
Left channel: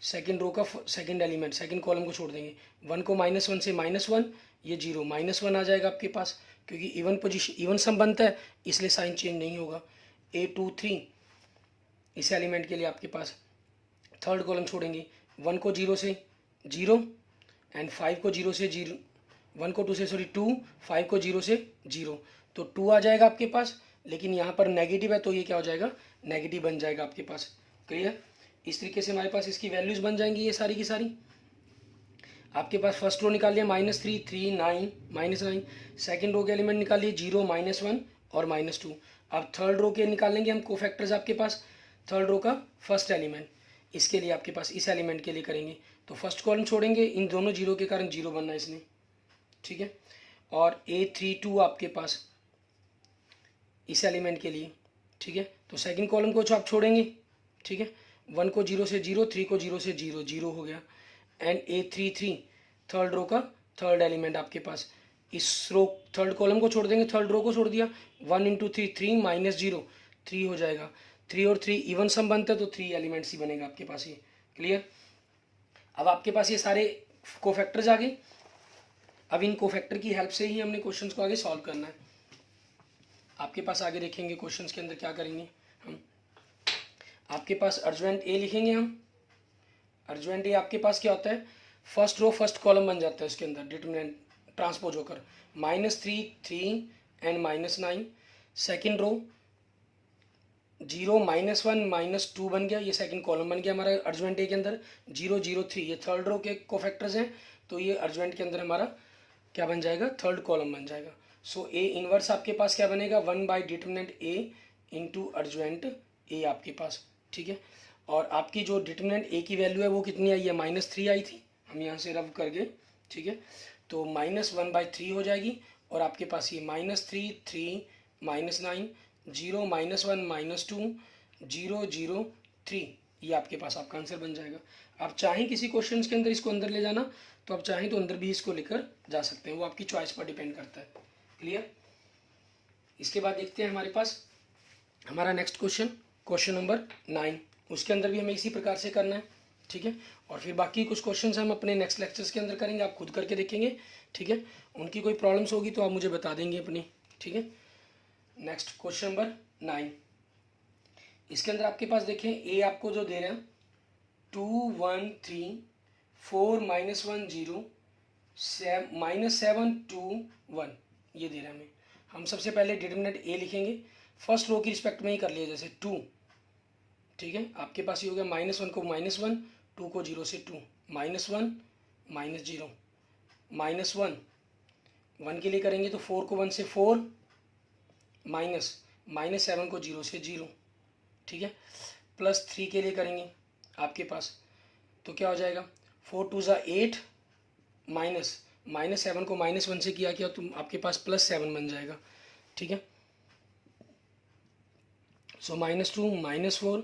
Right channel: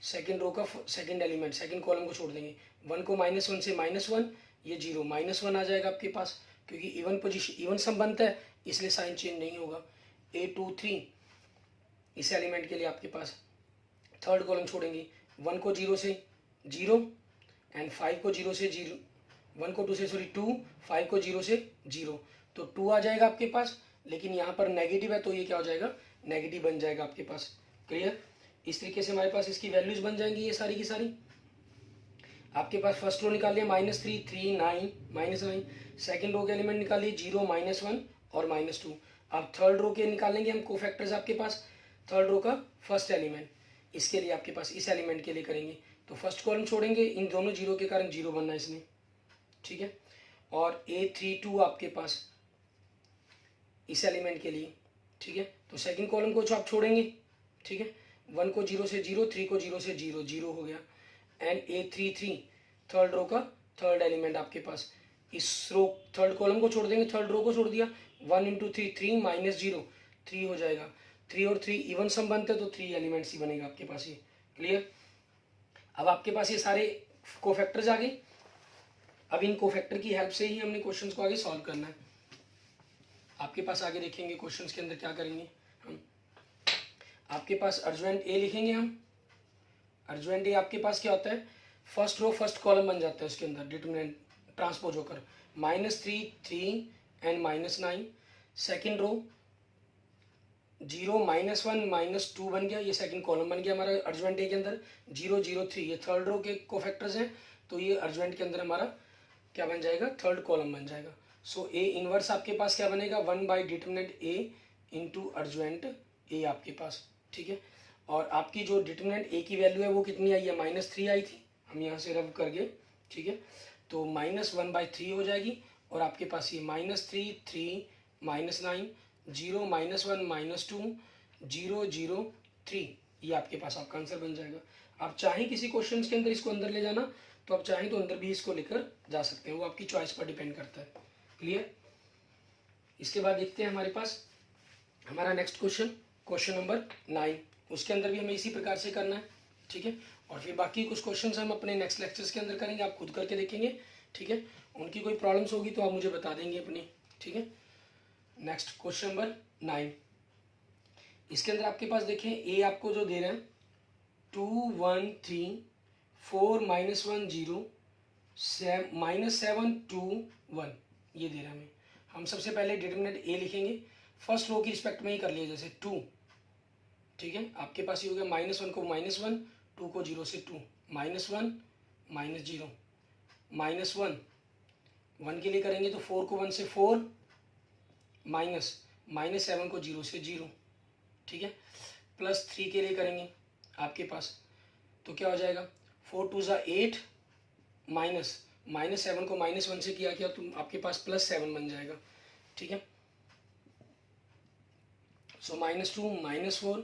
सेकंड रो का सेकंड एलिमेंट, सेकंड कॉलम को छोड़ देंगे, 1 को -1 से -1, ये 0 -1 आ जाएगा आपके पास, क्योंकि इवन पोजीशन इवन सम बनता है इसलिए साइन चेंज नहीं होगा। A23 इस एलिमेंट के लिए आपके पास थर्ड कॉलम छोड़ेंगे, 1 को 0 से 0 एंड 5 को 0 से 0, 1 को 2 से 2, 5 को 0 से 0, तो 2 आ जाएगा आपके पास। लेकिन यहाँ पर नेगेटिव है तो ये क्या हो जाएगा, नेगेटिव बन जाएगा आपके पास। क्लियर। इस तरीके से हमारे पास इसकी वैल्यूज बन जाएंगी ये सारी की सारी। आपके पास फर्स्ट रो निकाल लिया -3 3 9 -9, सेकेंड रो के एलिमेंट निकालिए 0 -1 और -2। अब थर्ड रो के निकालेंगे हम कोफैक्टर्स आपके पास, थर्ड रो का फर्स्ट एलिमेंट, इसके लिए आपके पास इस एलिमेंट के लिए करेंगे तो फर्स्ट कॉलम छोड़ेंगे, इन दोनों 0 के कारण 0 बनना है इसने, ठीक है। और A32 आपके पास इस एलिमेंट के लिए, ठीक है। तो सेकंड कॉलम को आप छोड़ेंगे, ठीक है। 1 को 0 से 0, 3 को 0 से 0, 0 हो गया। एंड A33 थर्ड रो का थर्ड एलिमेंट आपके पास, इस रो थर्ड कॉलम को छोड़ देंगे, थर्ड रो को छोड़ दिया, 1 × 3 3 -0 3 हो जाएगा। 3 और 3 इवन सम बनता है तो 3 एलिमेंट्स ही बनेगा आपके पास ये। क्लियर। अब आपके पास ये सारे कोफैक्टर्स आ गए। अब इन कोफैक्टर की हेल्प से ही हमने क्वेश्चंस को आगे सॉल्व करना है। आपके पास आगे देखेंगे क्वेश्चंस के अंदर क्या करेंगे हम, आपके पास अर्जुमेंट ए लिखेंगे हम। अर्जुमेंट ए आपके पास क्या होता है, फर्स्ट रो फर्स्ट कॉलम बन जाता है उसके अंदर, डिटरमिनेंट ट्रांसपोज होकर -3 3 एंड -9, सेकेंड रो 0 -1 -2 बन गया, ये सेकंड कॉलम बन गया हमारा अर्जुमेंट ए के अंदर। 0 0 3 ये थर्ड रो के कोफैक्टर्स हैं, तो ये अर्जुमेंट के अंदर हमारा क्या बन जाएगा, थर्ड कॉलम बन जाएगा। सो ए इनवर्स आपके पास क्या बनेगा, 1/, डिटरमिनेंट ए इंटू अर्जुमेंट ए आपके पास, ठीक है। और आपकी जो डिटरमिनेंट ए की वैल्यू है वो कितनी आई है, -3 आई थी, हम यहाँ से रब कर गए, ठीक है। तो -1/3 हो जाएगी। और आपके पास ये -3 3 -9 0 -1 -2 0 0 3, ये आपके पास आपका आंसर बन जाएगा। आप चाहें किसी क्वेश्चन के अंदर इसको अंदर ले जाना तो आप चाहें तो अंदर भी इसको लेकर जा सकते हैं, वो आपकी चॉइस पर डिपेंड करता है। क्लियर। इसके बाद देखते हैं हमारे पास हमारा नेक्स्ट क्वेश्चन नंबर 9। उसके अंदर भी हमें इसी प्रकार से करना है, ठीक है। और फिर बाकी कुछ क्वेश्चंस हम अपने नेक्स्ट लेक्चर्स के अंदर करेंगे, आप खुद करके देखेंगे, ठीक है। उनकी कोई प्रॉब्लम्स होगी तो आप मुझे बता देंगे अपनी, ठीक है। नेक्स्ट क्वेश्चन नंबर 9, इसके अंदर आपके पास देखें ए आपको जो दे रहे हैं 2 1 3 4 -1 0 -7 2 1, ये दे रहे हैं हमें। हम सबसे पहले डिटरमिनेंट ए लिखेंगे, फर्स्ट रो की रिस्पेक्ट में ही कर लिया, जैसे 2, ठीक है। आपके पास ये हो गया -1 को -1, 2 को 0 से 2, -1 -0 -1 1 के लिए करेंगे तो 4 को 1 से 4 माइनस 7 को 0 से 0, ठीक है। प्लस 3 के लिए करेंगे आपके पास तो क्या हो जाएगा, 4 2 ज़ा 8 माइनस 7 को -1 से किया तो आपके पास +7 बन जाएगा, ठीक है। सो -2 -4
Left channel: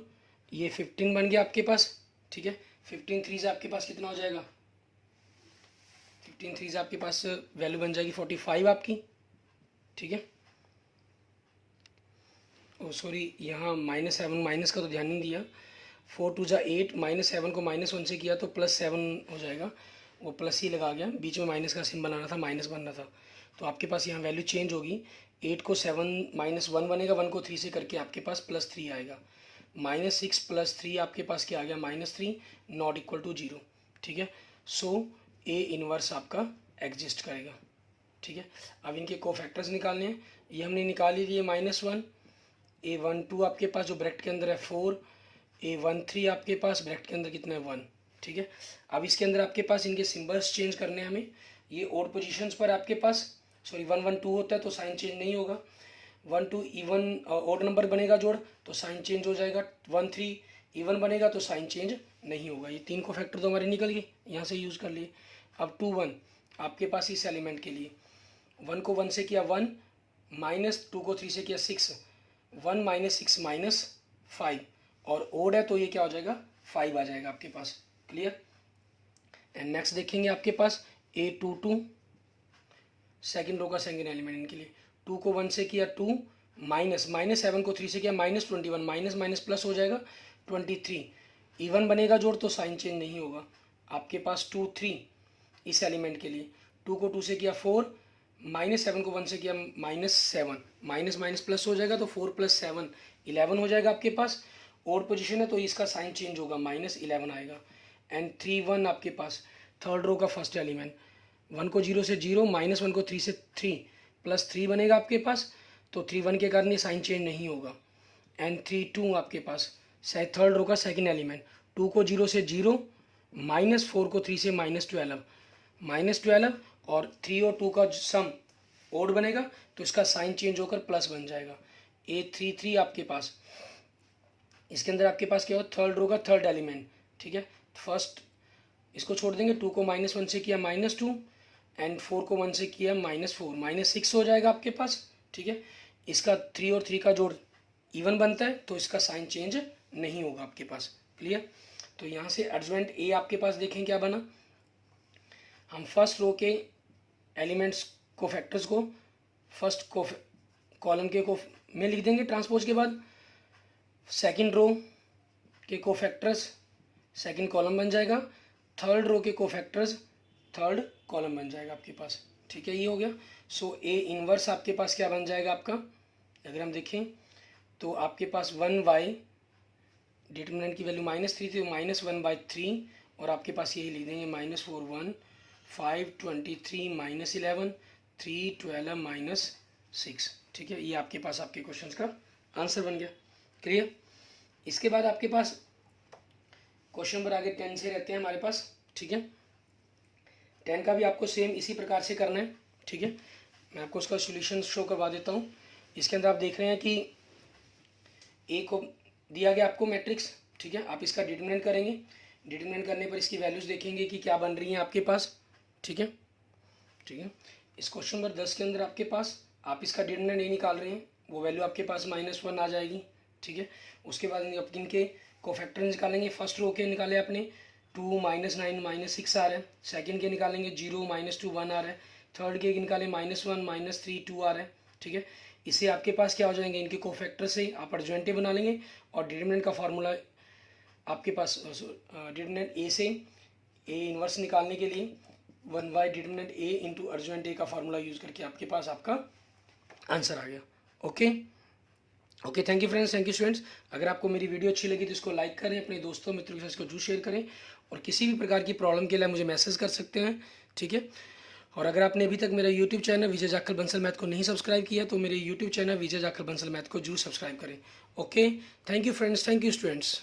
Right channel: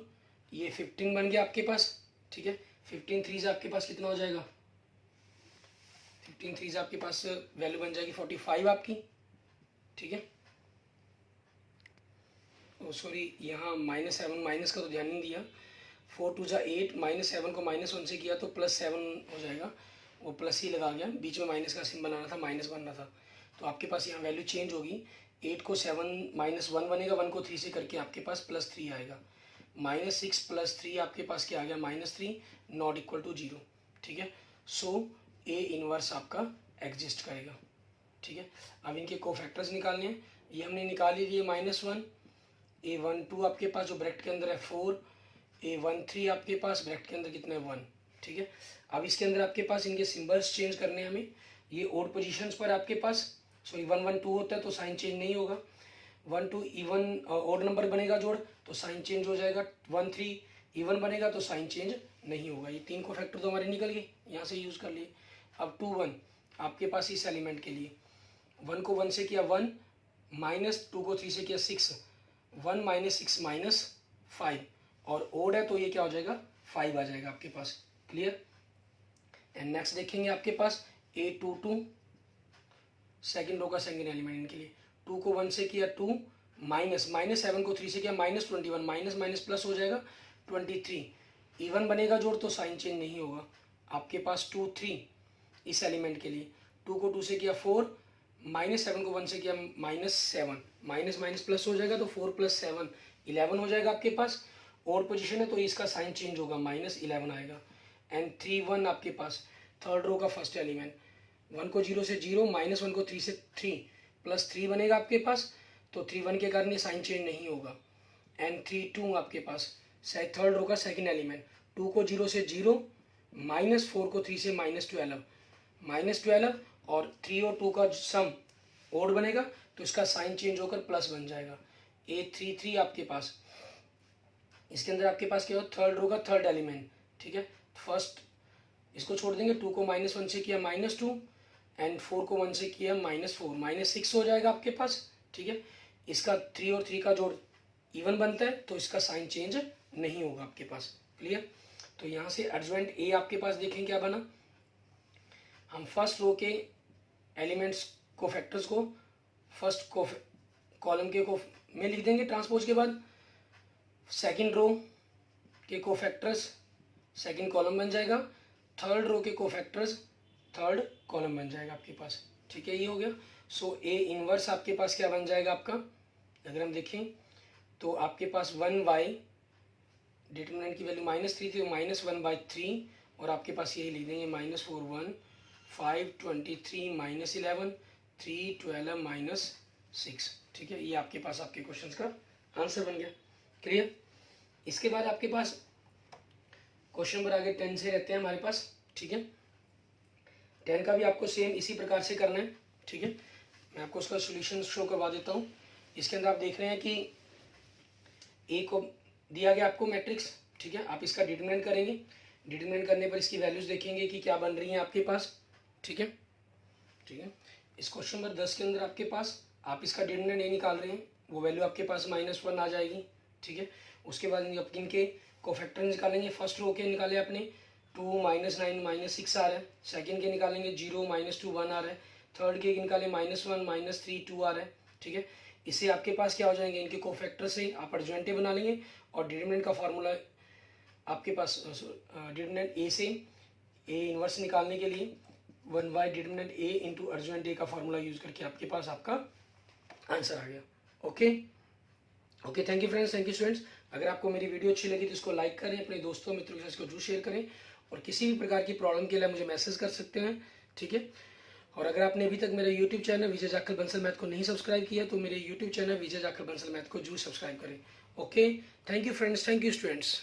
ये 15 बन गया आपके पास, ठीक है। 15 3 से आपके पास कितना हो जाएगा, 15 3 से आपके पास वैल्यू बन जाएगी 45 आपकी, ठीक है। ओ सॉरी, यहाँ -7 माइनस का तो ध्यान नहीं दिया। 4 2 ज़ा 8 -7 को -1 से किया तो +7 हो जाएगा, वो प्लस ही लगा गया, बीच में माइनस का सिंबल आना था, माइनस बनना था, तो आपके पास यहाँ वैल्यू चेंज होगी। 8 को 7 -1 बनेगा, 1 को 3 से करके आपके पास +3 आएगा। -6 + 3 आपके पास क्या आ गया, -3 नॉट इक्वल टू 0, ठीक है। सो ए इनवर्स आपका एग्जिस्ट करेगा, ठीक है। अब इनके कोफैक्टर्स निकालने हैं, ये हमने निकाल ही लिए। -1 A12 आपके पास जो ब्रैकेट के अंदर है 4, A13 आपके पास ब्रैकेट के अंदर कितना है 1, ठीक है। अब इसके अंदर आपके पास इनके सिंबल्स चेंज करने हैं हमें। ये ओड पोजीशंस पर आपके पास, सॉरी 1 1 2 होता है तो साइन चेंज नहीं होगा। 1 2 इवन ओड नंबर बनेगा जोड़ तो साइन चेंज हो जाएगा। 1 3 इवन बनेगा तो साइन चेंज नहीं होगा। ये 3 को फैक्टर तो हमारे निकल गए, यहाँ से यूज़ कर लिए। अब 2 1 आपके पास इस एलिमेंट के लिए 1 को 1 से किया 1, -2 को 3 से किया 6, 1 -6 -5 और ओड है तो ये क्या हो जाएगा 5 आ जाएगा आपके पास, क्लियर। एंड नेक्स्ट देखेंगे आपके पास A22 सेकेंड रो का सेकेंड एलिमेंट इनके लिए 2 को 1 से किया 2, -7 को 3 से किया -21, माइनस प्लस हो जाएगा 23, इवन बनेगा जोड़ तो साइन चेंज नहीं होगा आपके पास। 2 3 इस एलिमेंट के लिए 2 को 2 से किया 4, -7 को 1 से किया -7, माइनस प्लस हो जाएगा तो 4 + 7 11 हो जाएगा आपके पास। और पोजीशन है तो इसका साइन चेंज होगा, -11 आएगा। एंड 3 1 आपके पास थर्ड रो का फर्स्ट एलिमेंट 1 को 0 से 0, -1 को 3 से 3, +3 बनेगा आपके पास तो 3 1 के कारण ये साइन चेंज नहीं होगा। एंड 3 2 आपके पास थर्ड रो का सेकंड एलिमेंट 2 को 0 से 0, -4 को 3 से -12 और 3 और 2 का सम ओड बनेगा तो इसका साइन चेंज होकर प्लस बन जाएगा। A33 आपके पास इसके अंदर आपके पास क्या हो, थर्ड रो का थर्ड एलिमेंट, ठीक है। फर्स्ट इसको छोड़ देंगे, 2 को -1 से किया -2 एंड 4 को 1 से किया -4, -6 हो जाएगा आपके पास, ठीक है। इसका 3 और 3 का जोड़ इवन बनता है तो इसका साइन चेंज नहीं होगा आपके पास, क्लियर। तो यहाँ से एडजॉइंट ए आपके पास देखें क्या बना। हम फर्स्ट रो के एलिमेंट्स को फैक्टर्स को फर्स्ट को कॉलम के को में लिख देंगे ट्रांसपोज के बाद, सेकंड रो के कोफैक्टर्स सेकंड कॉलम बन जाएगा, थर्ड रो के कोफैक्टर्स थर्ड कॉलम बन जाएगा आपके पास, ठीक है। ये हो गया। सो ए इनवर्स आपके पास क्या बन जाएगा आपका, अगर हम देखें तो आपके पास 1/, डिटरमिनेंट की वैल्यू -3 थी तो -1/3 और आपके पास यही लिख देंगे -4 1 5 23 -11 3 12 -6, ठीक है। ये आपके पास आपके क्वेश्चन का आंसर बन गया, क्लियर। इसके बाद आपके पास क्वेश्चन नंबर आगे 10 से रहते हैं हमारे पास, ठीक है। 10 का भी आपको सेम इसी प्रकार से करना है, ठीक है। मैं आपको उसका सोल्यूशन शो करवा देता हूँ। इसके अंदर आप देख रहे हैं कि ए को दिया गया आपको मैट्रिक्स, ठीक है। आप इसका डिटरमिनेंट करेंगे, डिटरमिनेंट करने पर इसकी वैल्यूज देखेंगे कि क्या बन रही हैं आपके पास, ठीक है, ठीक है। इस क्वेश्चन नंबर 10 के अंदर आपके पास आप इसका डिटरमिनेंट ये निकाल रहे हैं, वो वैल्यू आपके पास -1 आ जाएगी, ठीक है। उसके बाद इनके कोफैक्टर्स निकालेंगे। फर्स्ट रो के निकाले आपने 2 -9 -6 आ रहा है, सेकंड के निकालेंगे 0 -2 1 आ रहा है, थर्ड के निकाले -1 -3 2 आ रहा है, ठीक है। इससे आपके पास क्या हो जाएंगे, इनके कोफैक्टर से आप एडजॉइंट बना लेंगे और डिटरमिनेंट का फार्मूला आपके पास डिटरमिनेंट ए से ए इनवर्स निकालने के लिए 1/, determinant A into adjoint A का फार्मूला यूज करके आपके पास आपका आंसर आ गया। Okay okay, thank you friends, thank you students. अगर आपको मेरी वीडियो अच्छी लगी तो इसको लाइक करें, अपने दोस्तों मित्रों के साथ इसको जरूर शेयर करें और किसी भी प्रकार की प्रॉब्लम के लिए मुझे मैसेज कर सकते हैं, ठीक है। और अगर आपने अभी तक मेरा यूट्यूब चैनल विजय जाखल बंसल मैथ को नहीं सब्सक्राइब किया तो मेरे यूट्यूब चैनल विजय जाखल बंसल मैथ को जरूर सब्सक्राइब करें। Okay, thank you friends, thank you students.